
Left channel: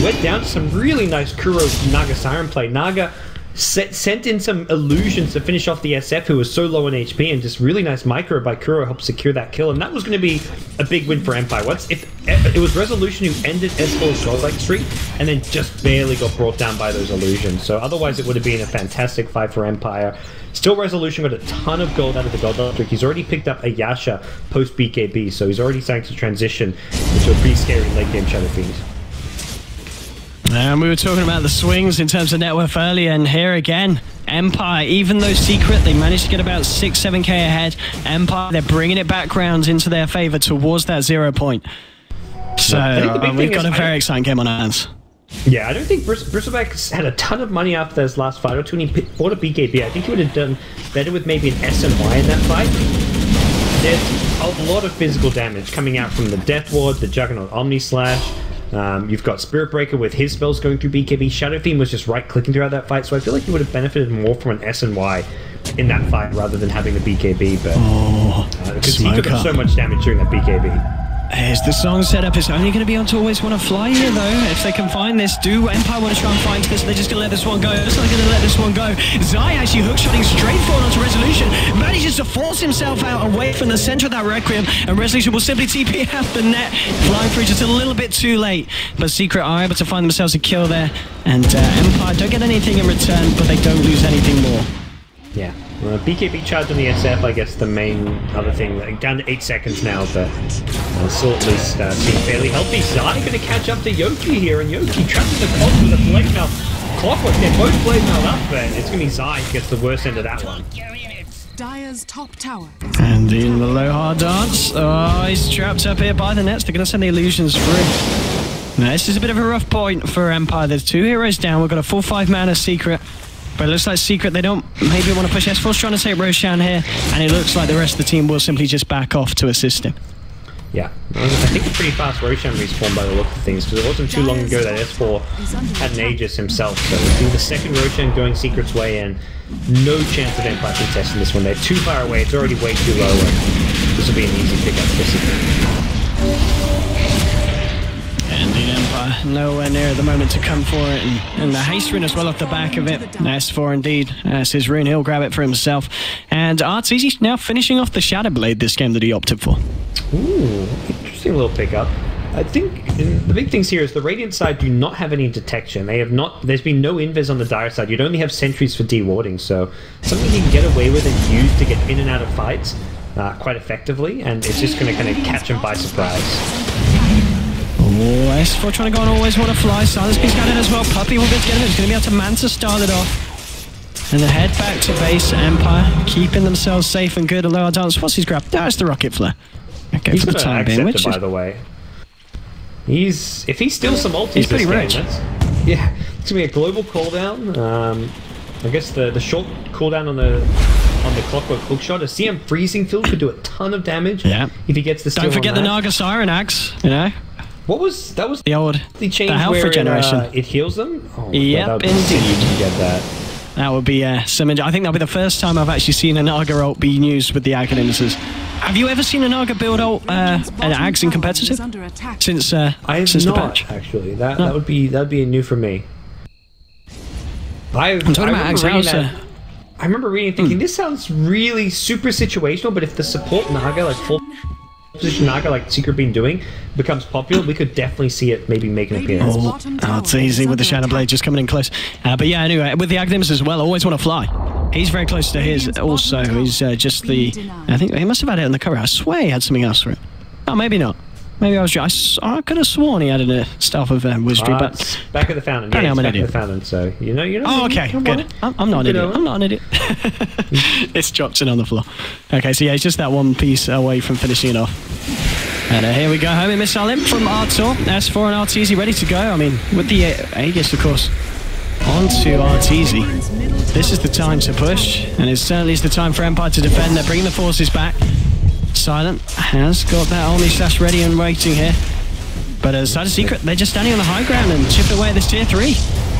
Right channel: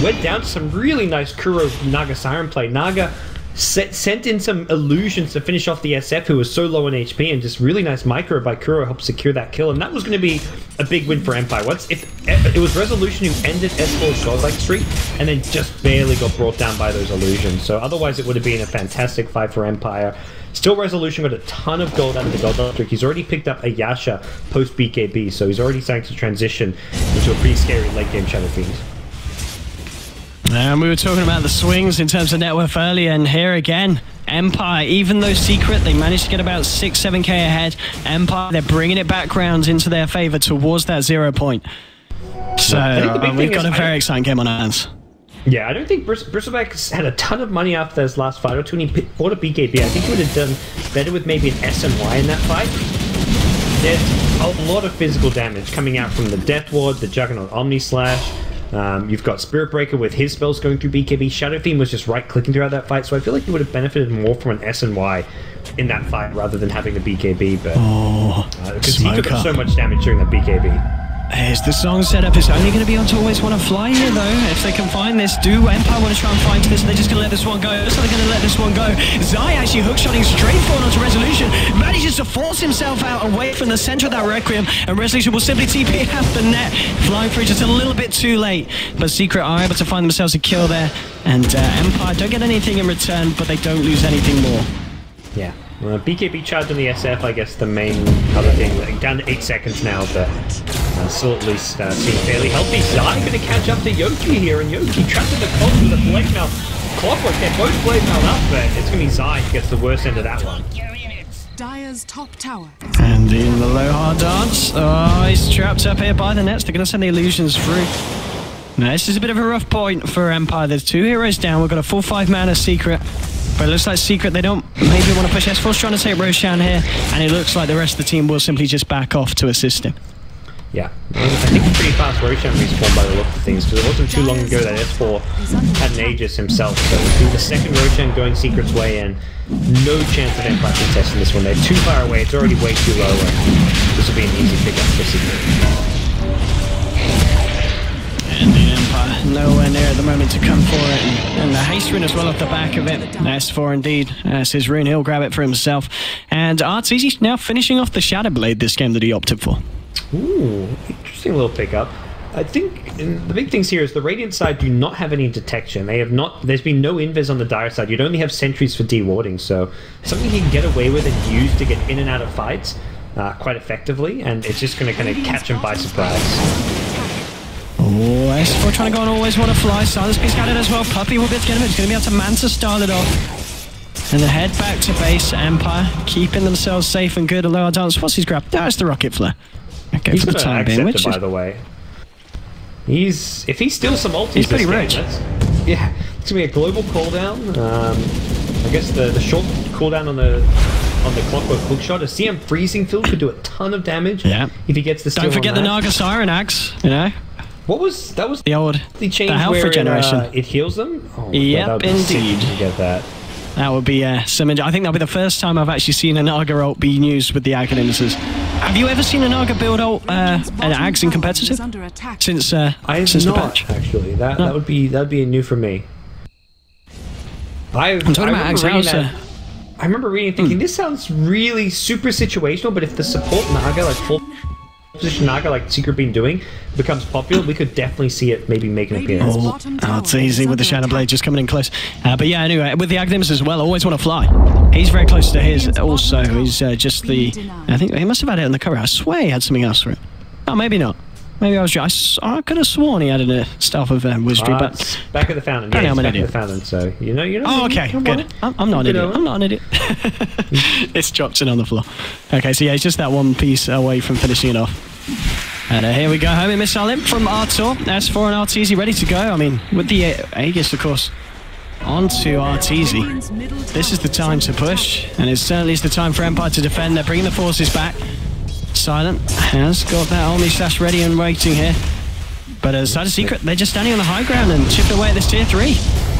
went down to some really nice Kuro Naga Siren play. Naga sent in some illusions to finish off the SF, who was so low on HP, and just really nice micro by Kuro helped secure that kill, and that was going to be a big win for Empire. If it was Resolution who ended S4's godlike streak and then just barely got brought down by those illusions, so otherwise it would have been a fantastic fight for Empire. Still, Resolution got a ton of gold out of the godlike streak. He's already picked up a Yasha post BKB, so he's already starting to transition into a pretty scary late game Shadow Fiend. And we were talking about the swings in terms of net worth earlier, and here again, Empire, even though Secret, they managed to get about 6-7k ahead. Empire, they're bringing it back rounds into their favor towards that 0 point. So we've got a very exciting game on our hands. Yeah, I don't think Bristleback had a ton of money after his last fight or two, and he bought a BKB. I think he would have done better with maybe an S and Y in that fight. There's a lot of physical damage coming out from the Death Ward, the Juggernaut Omni Slash. You've got Spirit Breaker with his spells going through BKB. Shadow Fiend was just right-clicking throughout that fight, so I feel like he would have benefited more from an S and Y in that fight rather than having the BKB, but because he took up so much damage during that BKB. Here's the Song setup. It's only going to be on to Always Want to Fly here, though. If they can find this, do Empire want to try and find this? They're just going to let this one go. Looks like they're going to let this one go. Zai actually hookshotting straight forward onto Resolution. Manages to force himself out away from the center of that Requiem, and Resolution will simply TP out the net. Flying through just a little bit too late, but Secret are able to find themselves a kill there, and Empire don't get anything in return, but they don't lose anything more. Yeah. BKB charge on the SF, I guess the main other thing, down to 8 seconds now, but still at least seem fairly healthy. Zai going to catch up to Yoki here, and Yoki trapped in the Cogs with a Blade Mail. Clockwork, they're both Blade Mailed up, but it's going to be Zai who gets the worst end of that one. Dire's top tower. And in the low hard dance, oh, he's trapped up here by the nets. They're going to send the illusions through. Now, this is a bit of a rough point for Empire. There's 2 heroes down. We've got a full 5 mana Secret. But it looks like Secret, they don't maybe want to push S4's trying to take Roshan here, and it looks like the rest of the team will simply just back off to assist him. Yeah, I think it's pretty fast Roshan respawn by the look of things, because it wasn't too long ago that S4 had an Aegis himself, so it would be the second Roshan going Secret's way, and no chance of Empire contesting this one. They're too far away, it's already way too low, and this will be an easy pickup for Secret. And the Empire Empire nowhere near at the moment to come for it, and the haste rune as well off the back of it. S4 indeed, that's his rune, he'll grab it for himself. And Arteezy now finishing off the Shadow Blade this game that he opted for. Ooh, interesting little pickup. I think the big things here is the Radiant side do not have any detection. They have not. There's been no invis on the Dire side. You'd only have sentries for dewarding, so something he can get away with and use to get in and out of fights quite effectively, and it's just going to kind of catch him by surprise. Oh, S4 trying to go on always want to fly. Silence being scattered as well. Puppy will be able to get him. He's going to be able to Manta start it off. And they head back to base. Empire keeping themselves safe and good. Although I don't. What's his grab? That's the rocket flare. Okay, He's for the time being, which by the way. If he steals some ultis, he's pretty rich. Yeah, it's gonna be a global cooldown. I guess the short cooldown on the clockwork hookshot. A CM freezing field could do a ton of damage. Yeah. If he gets the steal. Don't forget the that. Naga Siren Axe. You know. What was that? Was the old change the health where regeneration? It heals them. Oh, yep, God, indeed. You get that. That would be some. I think that'll be the first time I've actually seen a Naga ult being used with the Aghanimses. Have you ever seen a Naga build ult an Ags in competitive? Since I have since not, the patch? actually. That would be new for me. I'm talking about Ags. I remember reading thinking this sounds really super situational, but if the support Naga, like full position Naga, like Secret been doing, becomes popular, we could definitely see it maybe make an appearance. Oh, it's easy with the Shadow Blade just coming in close. But yeah, anyway, with the Aghanimses as well, always want to fly. He's very close to his also. He's just the... I think he must have had it on the cover. I swear he had something else for it. Oh, maybe not. Maybe I I could have sworn he had a stuff of wizardry, but... Back of the fountain. Yeah, I'm an back idiot. of the fountain, so you know. Oh, okay, good. I'm not an idiot. I'm not an idiot. It's drops in on the floor. Okay, so yeah, it's just that one piece away from finishing it off. And here we go, homing missile in from Artur. S4 and Arteezy ready to go. I mean, with the Aegis, of course, onto Arteezy. This is the time to push, and it certainly is the time for Empire to defend. They're bringing the forces back. Silent has got that Omni Slash ready and waiting here. But as Side of Secret, they're just standing on the high ground and chipping away at this tier 3.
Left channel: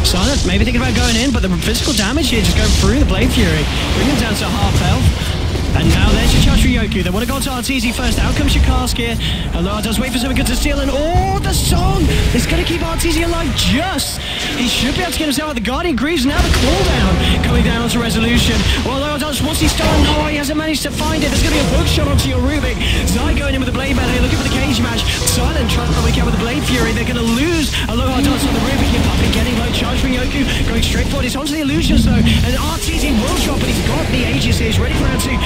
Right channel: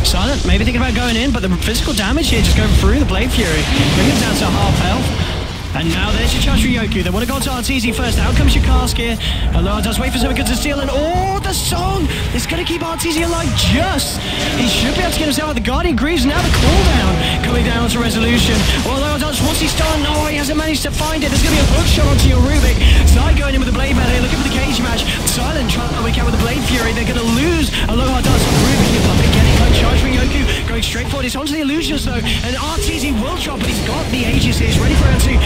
Silent, maybe thinking about going in, but the physical damage here just going through the Blade Fury, bringing them down to half health. And now there's your charge for Yoku. They want to go to Arteezy first. Out comes your cask here. Aloha does wait for something good to steal. And the song is going to keep Arteezy alive just. He should be able to get himself out. The Guardian Grieves now the cooldown coming down onto Resolution. Well, Aloha does, what's he stolen? No, he hasn't managed to find it. There's going to be a hook shot onto your Rubik. Zai going in with the Blade Battle here, looking for the cage match. Silent trying to wake out with the Blade Fury. They're going to lose Aloha does on the Rubik here. Puppet getting low charge from Yoku. Going straight forward. It's onto the Illusions though. And Arteezy will drop, but he's got the Aegis here. He's ready for round 2.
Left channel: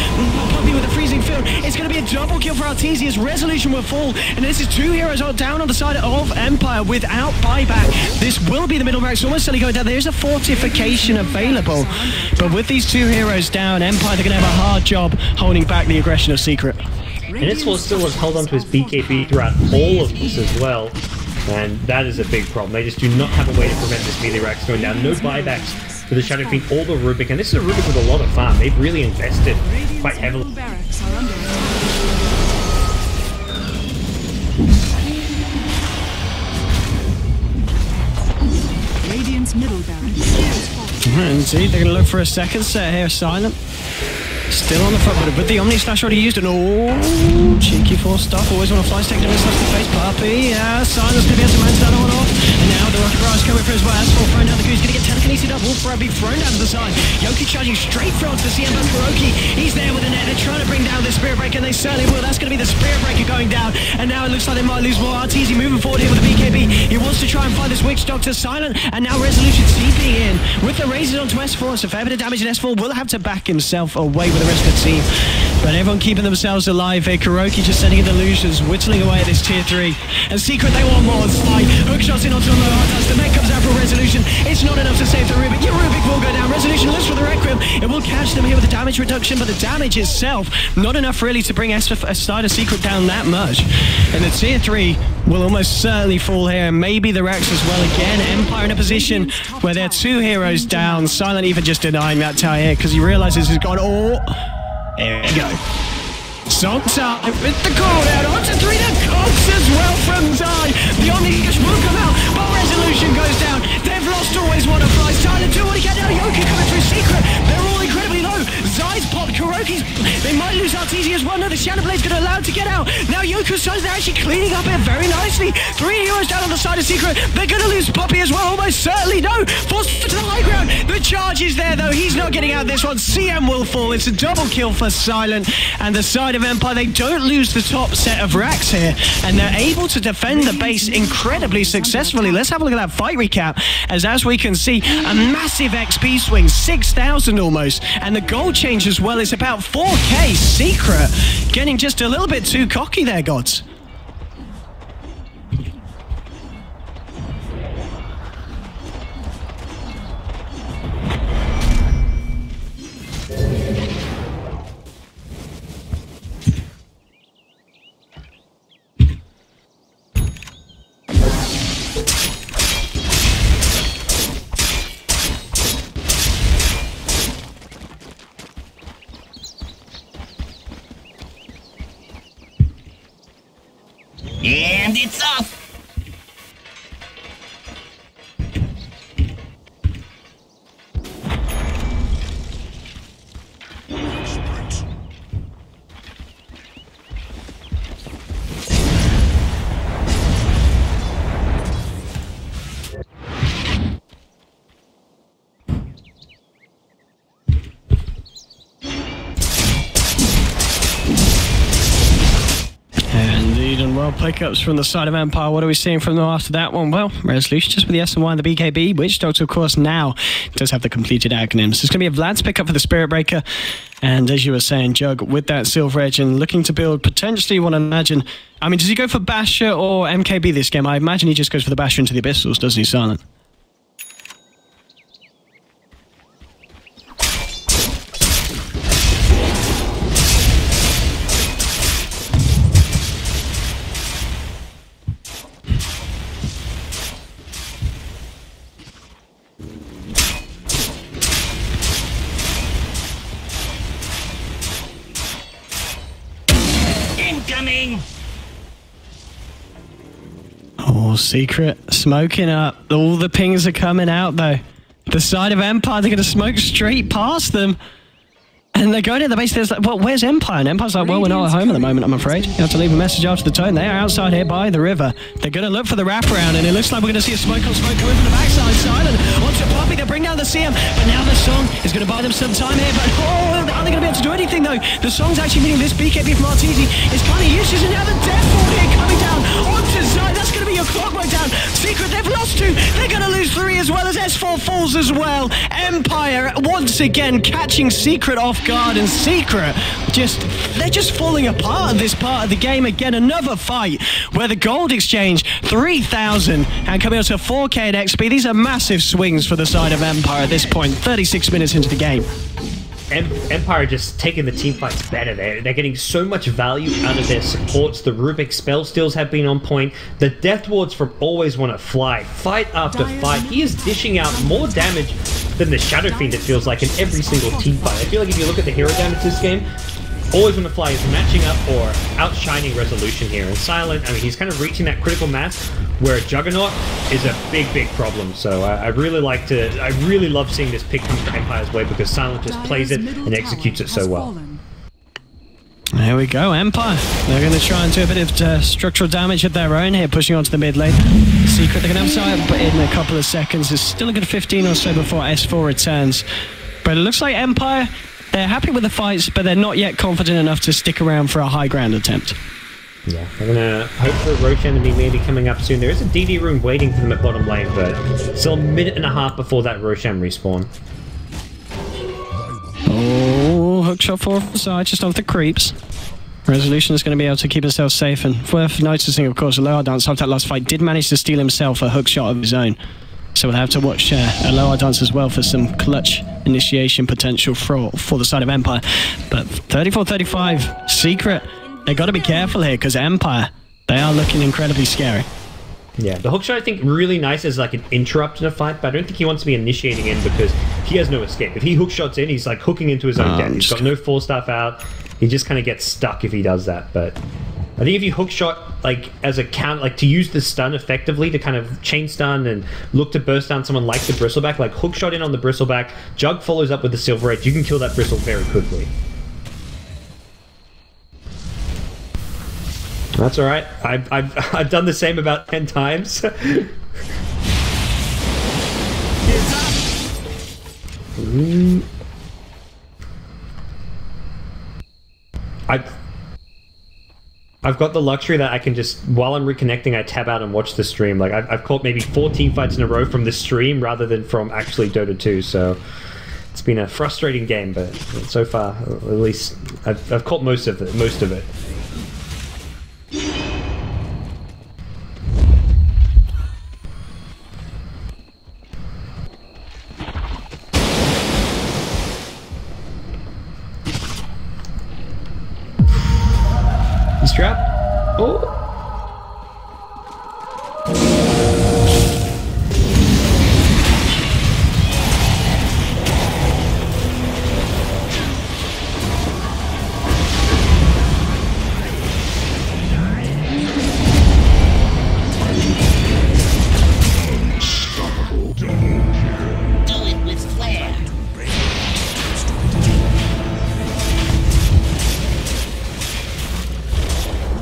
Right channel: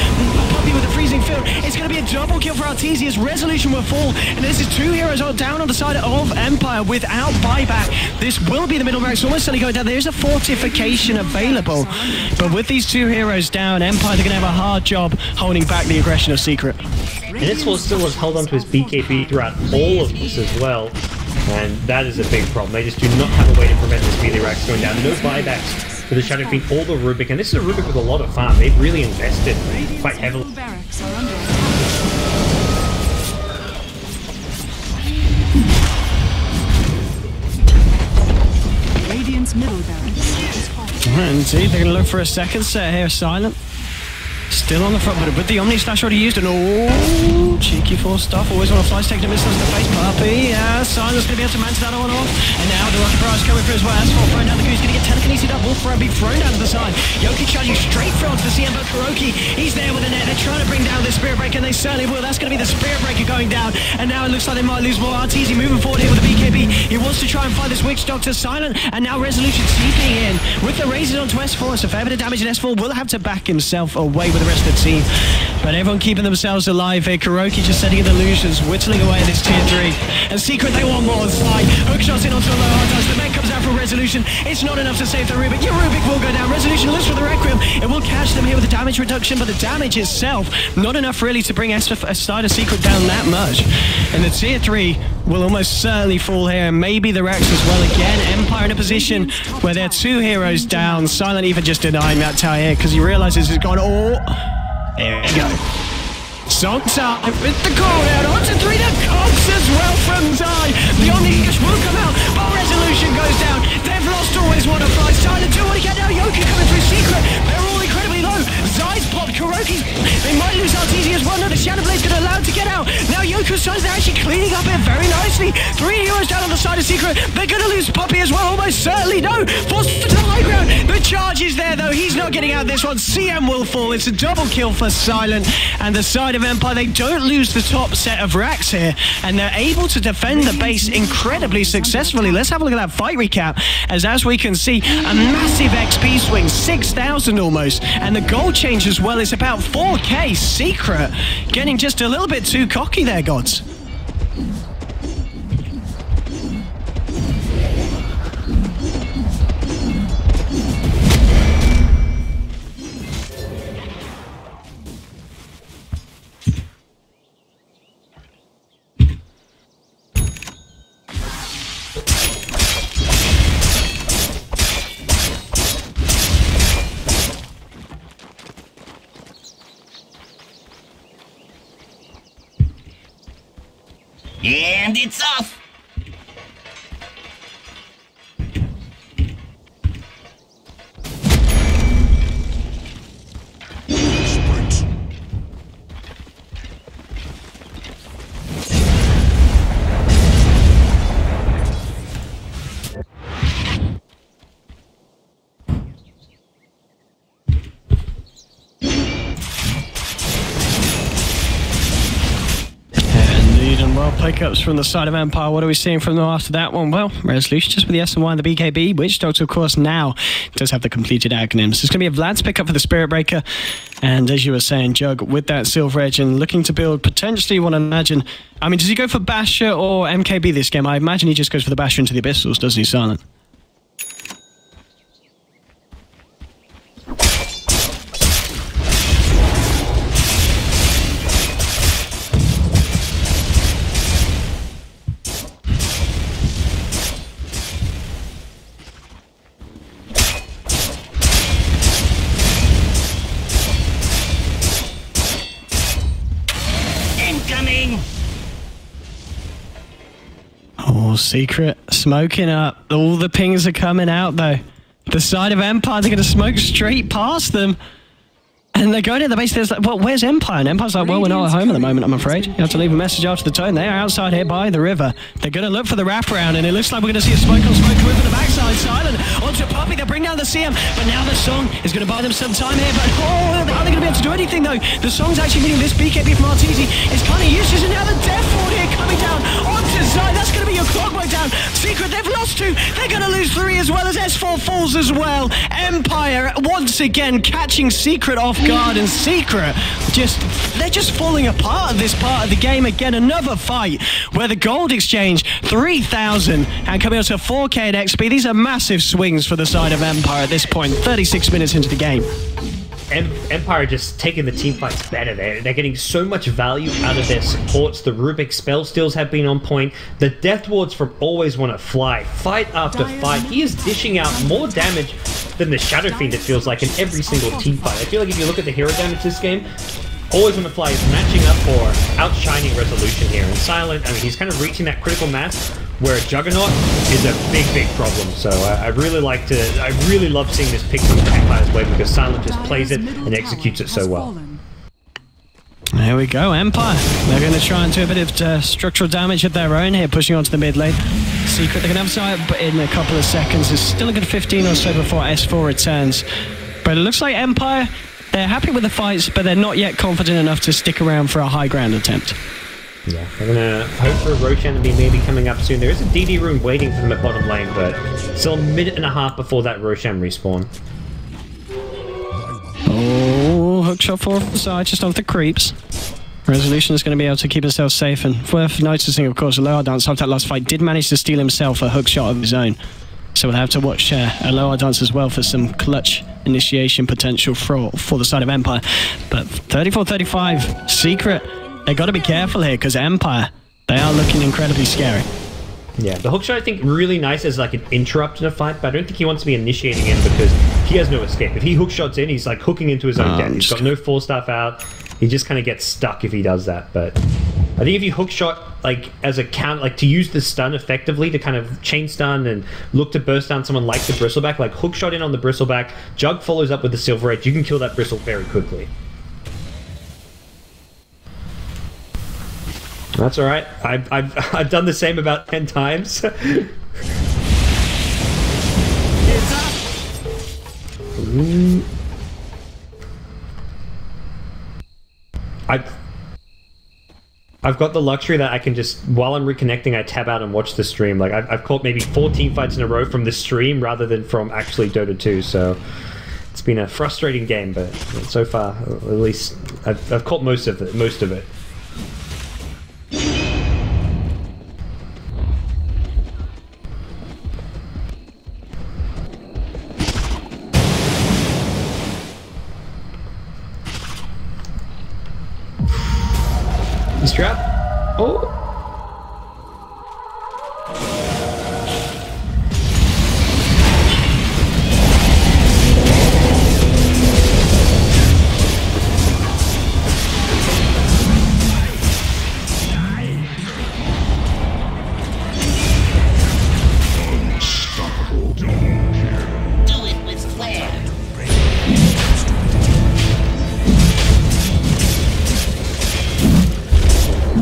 Puppy with the freezing field. It's going to be a double kill for Arteezy as Resolution will fall. And this is 2 heroes down on the side of Empire without buyback. This will be the middle ranks almost certainly going down. There's a fortification available. But with these 2 heroes down, Empire, they're going to have a hard job holding back the aggression of Secret. And it's still has held on to his BKB throughout all of this as well. And that is a big problem. They just do not have a way to prevent this melee racks going down. No buybacks for the Shadow Fiend or the Rubik, and this is a Rubik with a lot of farm. They've really invested quite heavily. Barracks are under attack. Radiant's middle barracks is falling. Indeed, they're going to look for a second set here. Silent. Still on the front, but with the Omni Slash already used, and cheeky force stuff. Always want to fly, taking a missiles to face. Puppy, Silence going to be able to manage that on off. And now the Rocket Barrage coming through as well. Asphalt throwing down the goose, going to get telekinesis up. Wolf Throw being thrown down to the side. Yoki charging straight through onto the CM, but Kuroki, he's there with the net. They're trying to bring down the Spirit Breaker, and they certainly will. That's going to be the Spirit Breaker going down. And now it looks like they might lose more. Arteezy moving forward here with the BKB. He wants to try and find this Witch Doctor. Silent, and now Resolution seeping in with the razors onto S4. It's a fair bit of damage, and S4 will have to back himself away with the rest of the team. But everyone keeping themselves alive here. Kuroki just setting in illusions, whittling away at this tier 3. And Secret, they want more. Hook shots in onto the low hard touch. The mech comes out for Resolution. It's not enough to save the Rubik. Your Rubik will go down. Resolution looks for the Requiem. It will catch them here with the damage reduction, but the damage itself, not enough really to bring Side of Secret down that much. And the tier 3 will almost certainly fall here, and maybe the Rex as well again. Empire in a position where they're 2 heroes down. Silent even just denying that tower here because he realizes he's gone Here we go. Song time with the cooldown onto 3. The Cogs as well from Zai. The Omni-Slash will come out, but Resolution goes down. They've lost always want to fly. Silent 2 want to get now. Yoku coming through Secret. They're all incredibly low. Zai's popped. Kuroki's... They might lose Arteezy as well. No, the Shadow Blade's going to allow him to get out. Now Yoko's sides, they're actually cleaning up here very nicely. 3 heroes down on the side of Secret. They're going to lose Puppey as well. Almost certainly. No, forced to the high ground. The charge is there, though. He's not getting out this one. CM will fall. It's a double kill for Silent. And the side of Empire, they don't lose the top set of racks here. And they're able to defend the base incredibly successfully. Let's have a look at that fight recap. As we can see, a massive XP swing, 6,000 almost. And the gold change as well is about 4K. Secret getting just a little bit too cocky there, gods. And it's off! Sprint. Indeed, and well, pickups from the side of Empire. What are we seeing from them after that one? Well, Resolution just with the S&Y and the BKB. Witch Doctor, of course, now does have the completed acronyms. It's going to be a Vlad's pickup for the Spirit Breaker. And as you were saying, Jug, with that Silver Edge and looking to build, potentially, you want to imagine... I mean, does he go for Basher or MKB this game? I imagine he just goes for the Basher into the Abyssals, doesn't he, Silent? Incoming! Oh, Secret smoking up. All the pings are coming out, though. The side of Empire, they're going to smoke straight past them. And they're going to the base. There's like, well, where's Empire? And Empire's like, well, we're not at home at the moment, I'm afraid. You have to leave a message after the tone. They are outside here by the river. They're going to look for the wraparound, and it looks like we're going to see a smoke on smoke coming from the backside. Silent onto Puppey. They'll bring down the CM, but now the Song is going to buy them some time here. But oh, are they going to be able to do anything, though? The Song's actually meaning this BKB from Arteezy is kind of useless, and now the Death Ward here coming down onto Zai. That's going to be your clockwork down. Secret, they've lost 2. They're going to lose 3 as well as S4 falls as well. Empire once again catching Secret off guard, and Secret they're just falling apart at this part of the game. Again, another fight where the gold exchange 3,000 and coming up to 4K at XP. These are massive swings for the side of Empire at this point, 36 minutes into the game. Empire just taking the team fights better there. They're getting so much value out of their supports. The Rubik spell steals have been on point. The Death Wards from Always Want to Fly, fight after fight. He is dishing out more damage than the Shadow Fiend, it feels like, in every single team fight. I feel like if you look at the hero damage this game, Always Want to Fly is matching up or outshining Resolution here. And Silent, I mean, he's kind of reaching that critical mass where Juggernaut is a big, big problem. So I really love seeing this pick come to Empire's way because Silent just plays it and executes it so well. There we go, Empire. They're going to try and do a bit of structural damage of their own here, pushing onto the mid lane. Secret, they're going to have sight, but in a couple of seconds. There's still a good 15 or so before S4 returns. But it looks like Empire, they're happy with the fights, but they're not yet confident enough to stick around for a high ground attempt. Yeah, I'm gonna hope for Roshan to be maybe coming up soon. There is a DD room waiting for them at bottom lane, but still a minute and a half before that Roshan respawn. Oh, hookshot for the side, just off the creeps. Resolution is going to be able to keep himself safe, and worth noticing, of course, Aloha Dance after that last fight did manage to steal himself a hookshot of his own. So we'll have to watch Aloha Dance as well for some clutch initiation potential for the side of Empire. But 34-35, Secret. They've got to be careful here because Empire, they are looking incredibly scary. Yeah, the hookshot I think really nice as like an interrupt in a fight, but I don't think he wants to be initiating in because he has no escape. If he hookshots in, he's like hooking into his own death. He's got no 4-staff out. He just kind of gets stuck if he does that, but I think if you hook shot like as a count, like to use the stun effectively to kind of chain stun and look to burst down someone like the bristleback, like hook shot in on the bristleback, Jug follows up with the Silver Edge, you can kill that bristle very quickly. That's all right. I've done the same about 10 times. It's up. I've got the luxury that I can just, while I'm reconnecting, I tab out and watch the stream. Like I've caught maybe 4 team fights in a row from the stream rather than from actually Dota 2. So it's been a frustrating game, but so far, at least I've caught most of it. He's trapped. Oh. Unstoppable double kill. Do it with flair.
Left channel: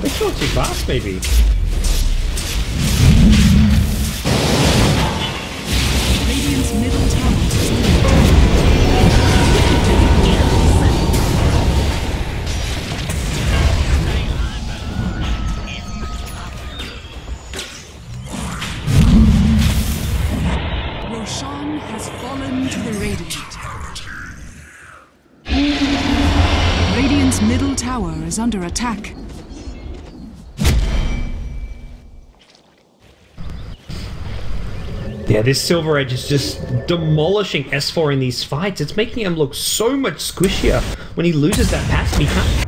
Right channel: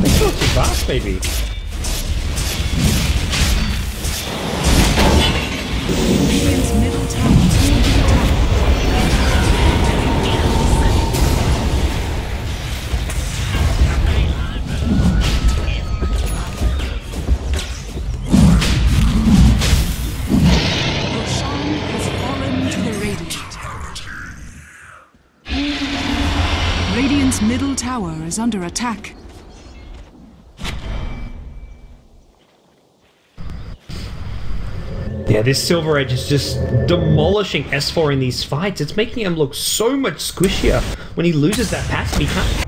They killed too fast, maybe. Radiant's middle tower is under attack. Roshan has fallen to the Radiant. Radiant's middle tower is under attack. Yeah, this Silver Edge is just demolishing S4 in these fights. It's making him look so much squishier when he loses that passive. He can't.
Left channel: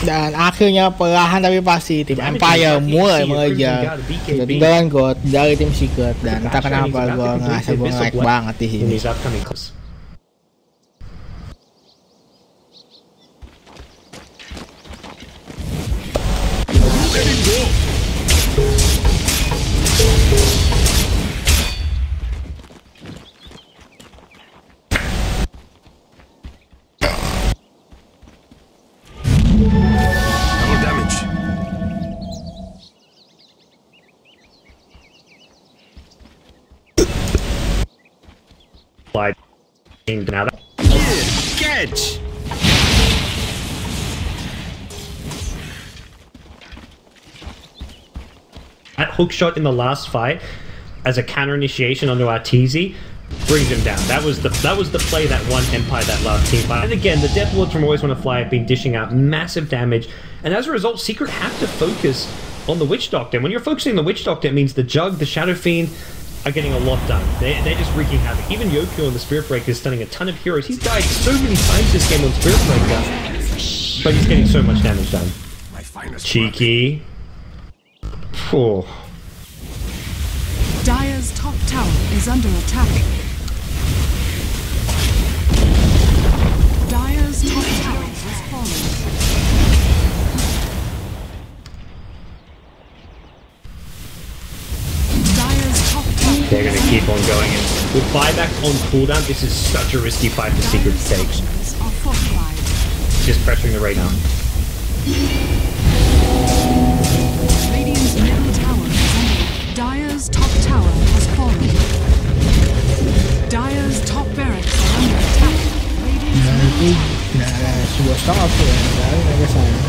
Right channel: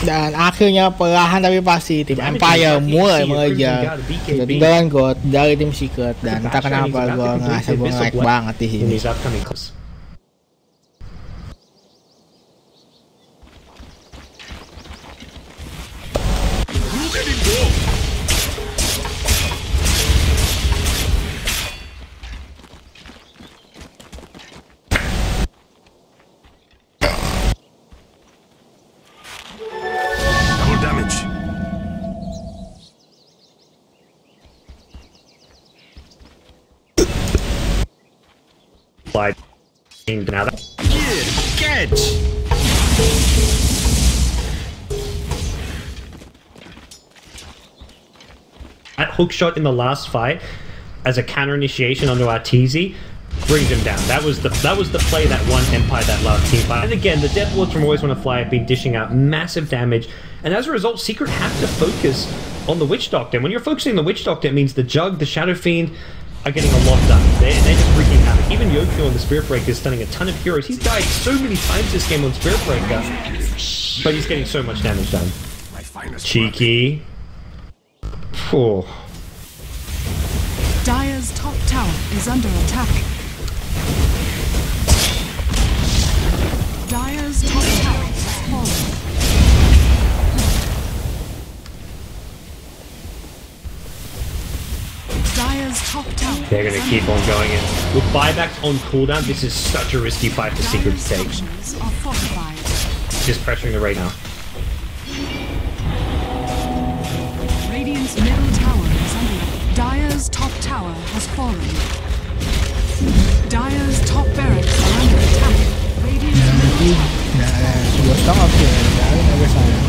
Dan akhirnya perlahan tapi pasti tim Empire mulai mengejar ketinggalan God dari tim Secret dan entah kenapa gue ngerasa gue nge-lag banget di sini. Let it go. Double damage. Slide. Now that. Catch. That hook shot in the last fight as a counter initiation onto Arteezy brings him down. That was the play that won Empire that last team fight. And again, the Death Lords from Always Wanna Fly have been dishing out massive damage, and as a result, Secret have to focus on the Witch Doctor. And when you're focusing on the Witch Doctor, it means the Jug, the Shadow Fiend are getting a lot done. They're just wreaking havoc. Even Yokio on the Spirit Breaker is stunning a ton of heroes. He's died so many times this game on Spirit Breaker, but he's getting so much damage done. My finest Cheeky. Oh. Dire's top tower is under attack. Dire's top tower has fallen. Dire's top tower. They're going to keep on going, and with buybacks on cooldown, this is such a risky fight for Secret to take. Structures are fortified. Just pressuring the raid now. Radiant's middle tower is under attack. Dire's top tower has fallen. Dire's top barracks are under attack. Radiant's Nah, middle itu tower. nah, sebuah stock up ya dari agak sayang.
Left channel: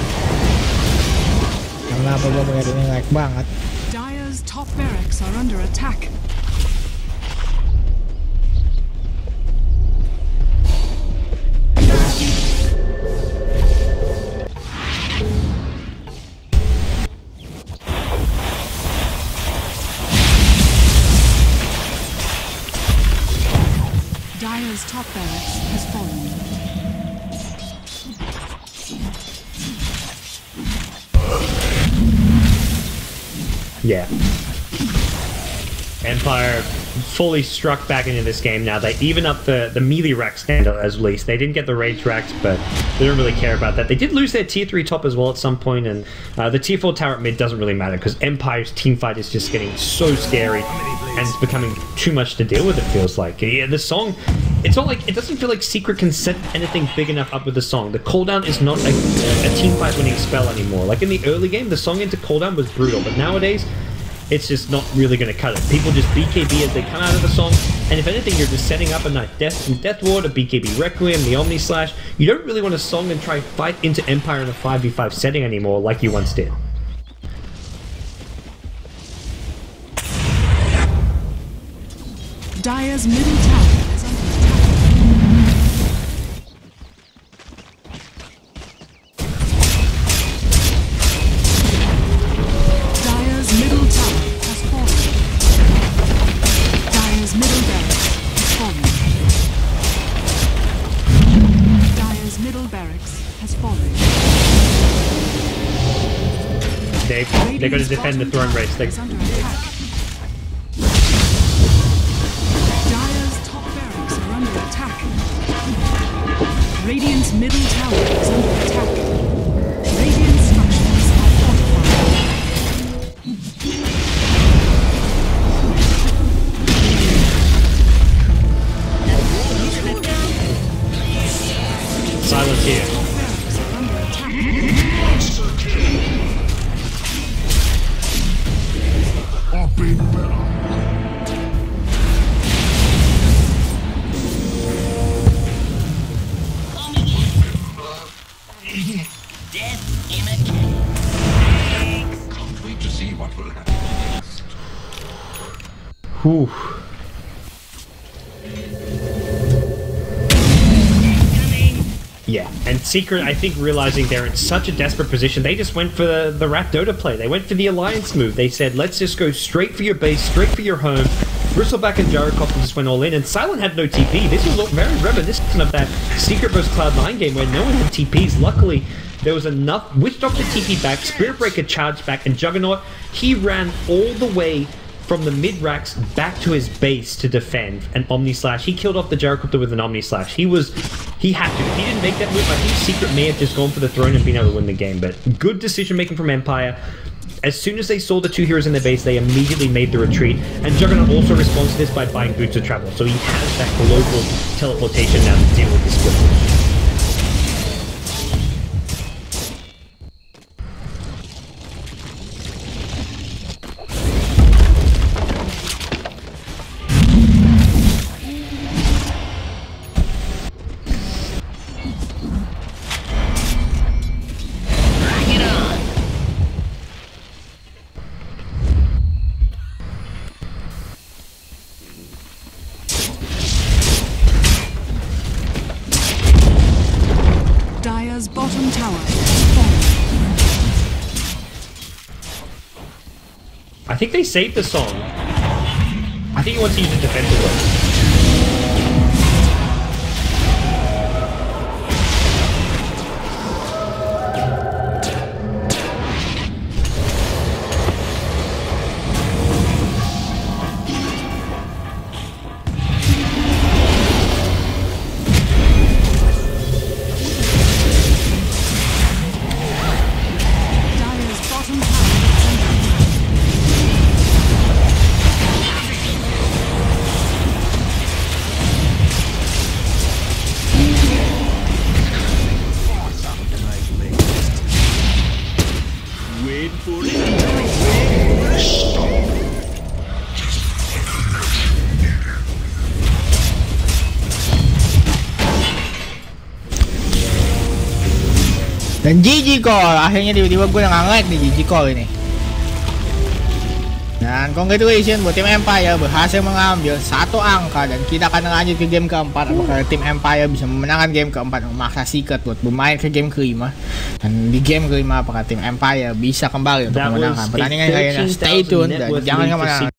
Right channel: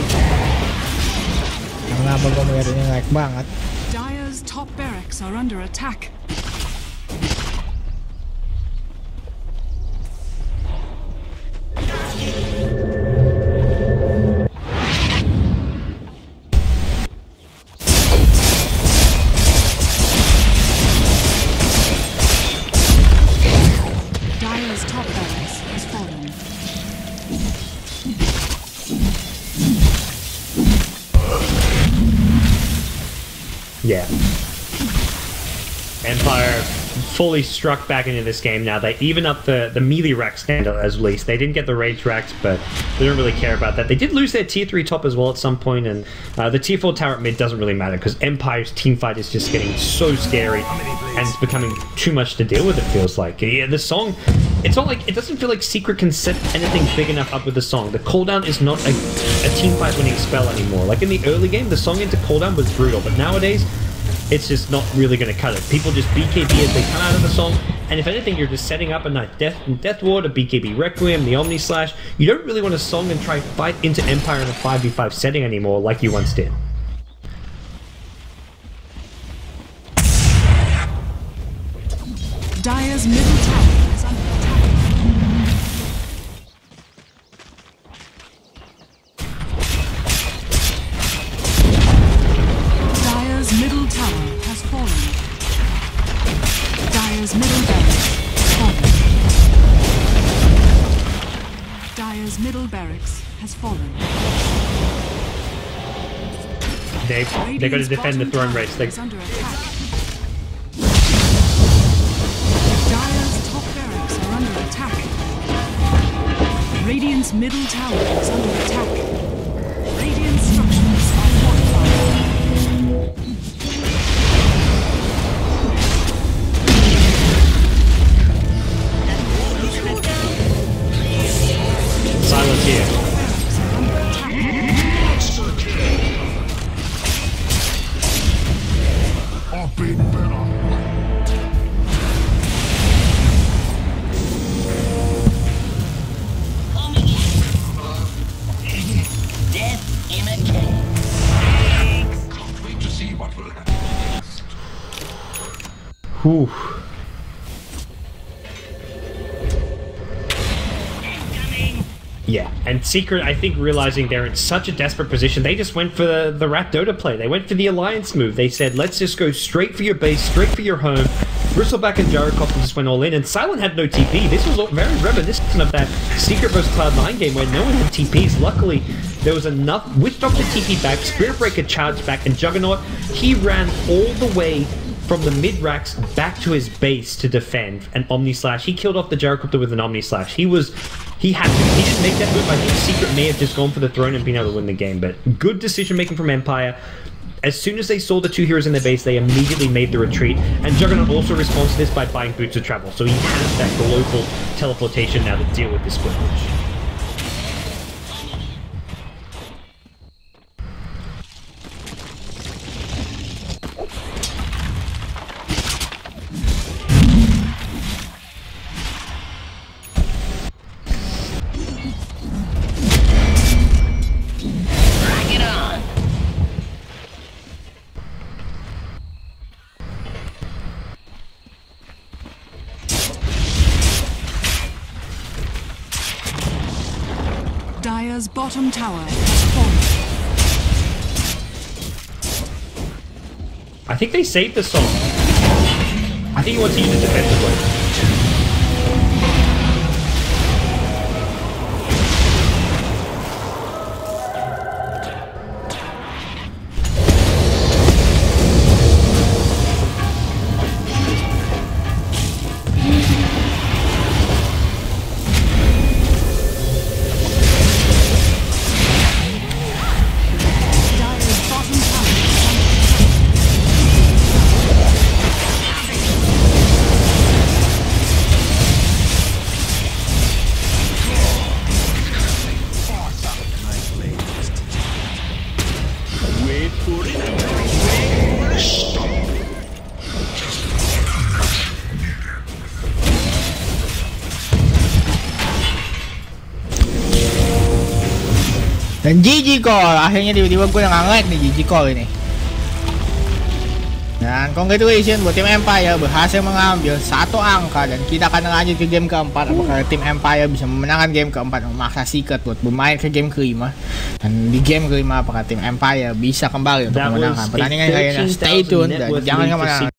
Kenapa gue melihat ini lag banget? Dire's top barracks are under attack. Dire's top barracks has fallen. Yeah. Empire fully struck back into this game now. They even up the melee rack standard as least. They didn't get the rage racks, but they don't really care about that. They did lose their tier 3 top as well at some point, and the tier 4 tower at mid doesn't really matter because Empire's teamfight is just getting so scary and it's becoming too much to deal with, it feels like. Yeah, the song, it's not like, it doesn't feel like Secret can set anything big enough up with the song. The cooldown is not a teamfight winning spell anymore. Like in the early game, the song into cooldown was brutal, but nowadays, it's just not really going to cut it. People just BKB as they come out of the song, and if anything, you're just setting up a nice Death Ward, a BKB Requiem, the Omni Slash. You don't really want to song and try fight into Empire in a 5v5 setting anymore like you once did. Dire's middle tower is under attack. Dire's middle tower has fallen. Dire's middle barracks has fallen. Dire's middle barracks has fallen. They're going to defend the throne race. Is under attack. Dire's top barracks are under attack. Radiant's middle tower is under attack. Radiant structures are fortified. Silence here. Top barracks are under attack. Monster kill. I've been better. Death in a cave. Can't wait to see what will happen next. Whew. Yeah, and Secret, I think, realizing they're in such a desperate position, they just went for the Rat Dota play. They went for the Alliance move. They said, let's just go straight for your base, straight for your home. Bristleback and Jerichoff just went all in, and Silent had no TP. This was very reminiscent of that Secret vs Cloud9 game where no one had TPs. Luckily, there was enough. Witch Doctor TP back, Spirit Breaker charged back, and Juggernaut, he ran all the way from the mid racks back to his base to defend an Omni Slash. He killed off the Gyrocopter with an Omni Slash. He had to. If he didn't make that move, I think Secret may have just gone for the throne and been able to win the game. But good decision making from Empire. As soon as they saw the two heroes in their base, they immediately made the retreat. And Juggernaut also responds to this by buying Boots of Travel. So he has that global teleportation now to deal with this split push. Dire's bottom tower has fallen. I think they saved the song. I think he wants to use it defensively. Bottom tower is under attack. Wait for it. Unstoppable. Just like Dan GG Call, akhirnya tiba-tiba gue nggak nge-lag nih GG Call ini. Dan congratulations buat tim Empire berhasil mengambil satu angka, dan kita akan lanjut ke game keempat. Apakah tim Empire bisa memenangkan game keempat, memaksa Secret buat bermain ke game kelima, dan di game kelima apakah tim Empire bisa kembali untuk memenangkan pertandingan kali ini. Stay tune dan jangan kemana-mana.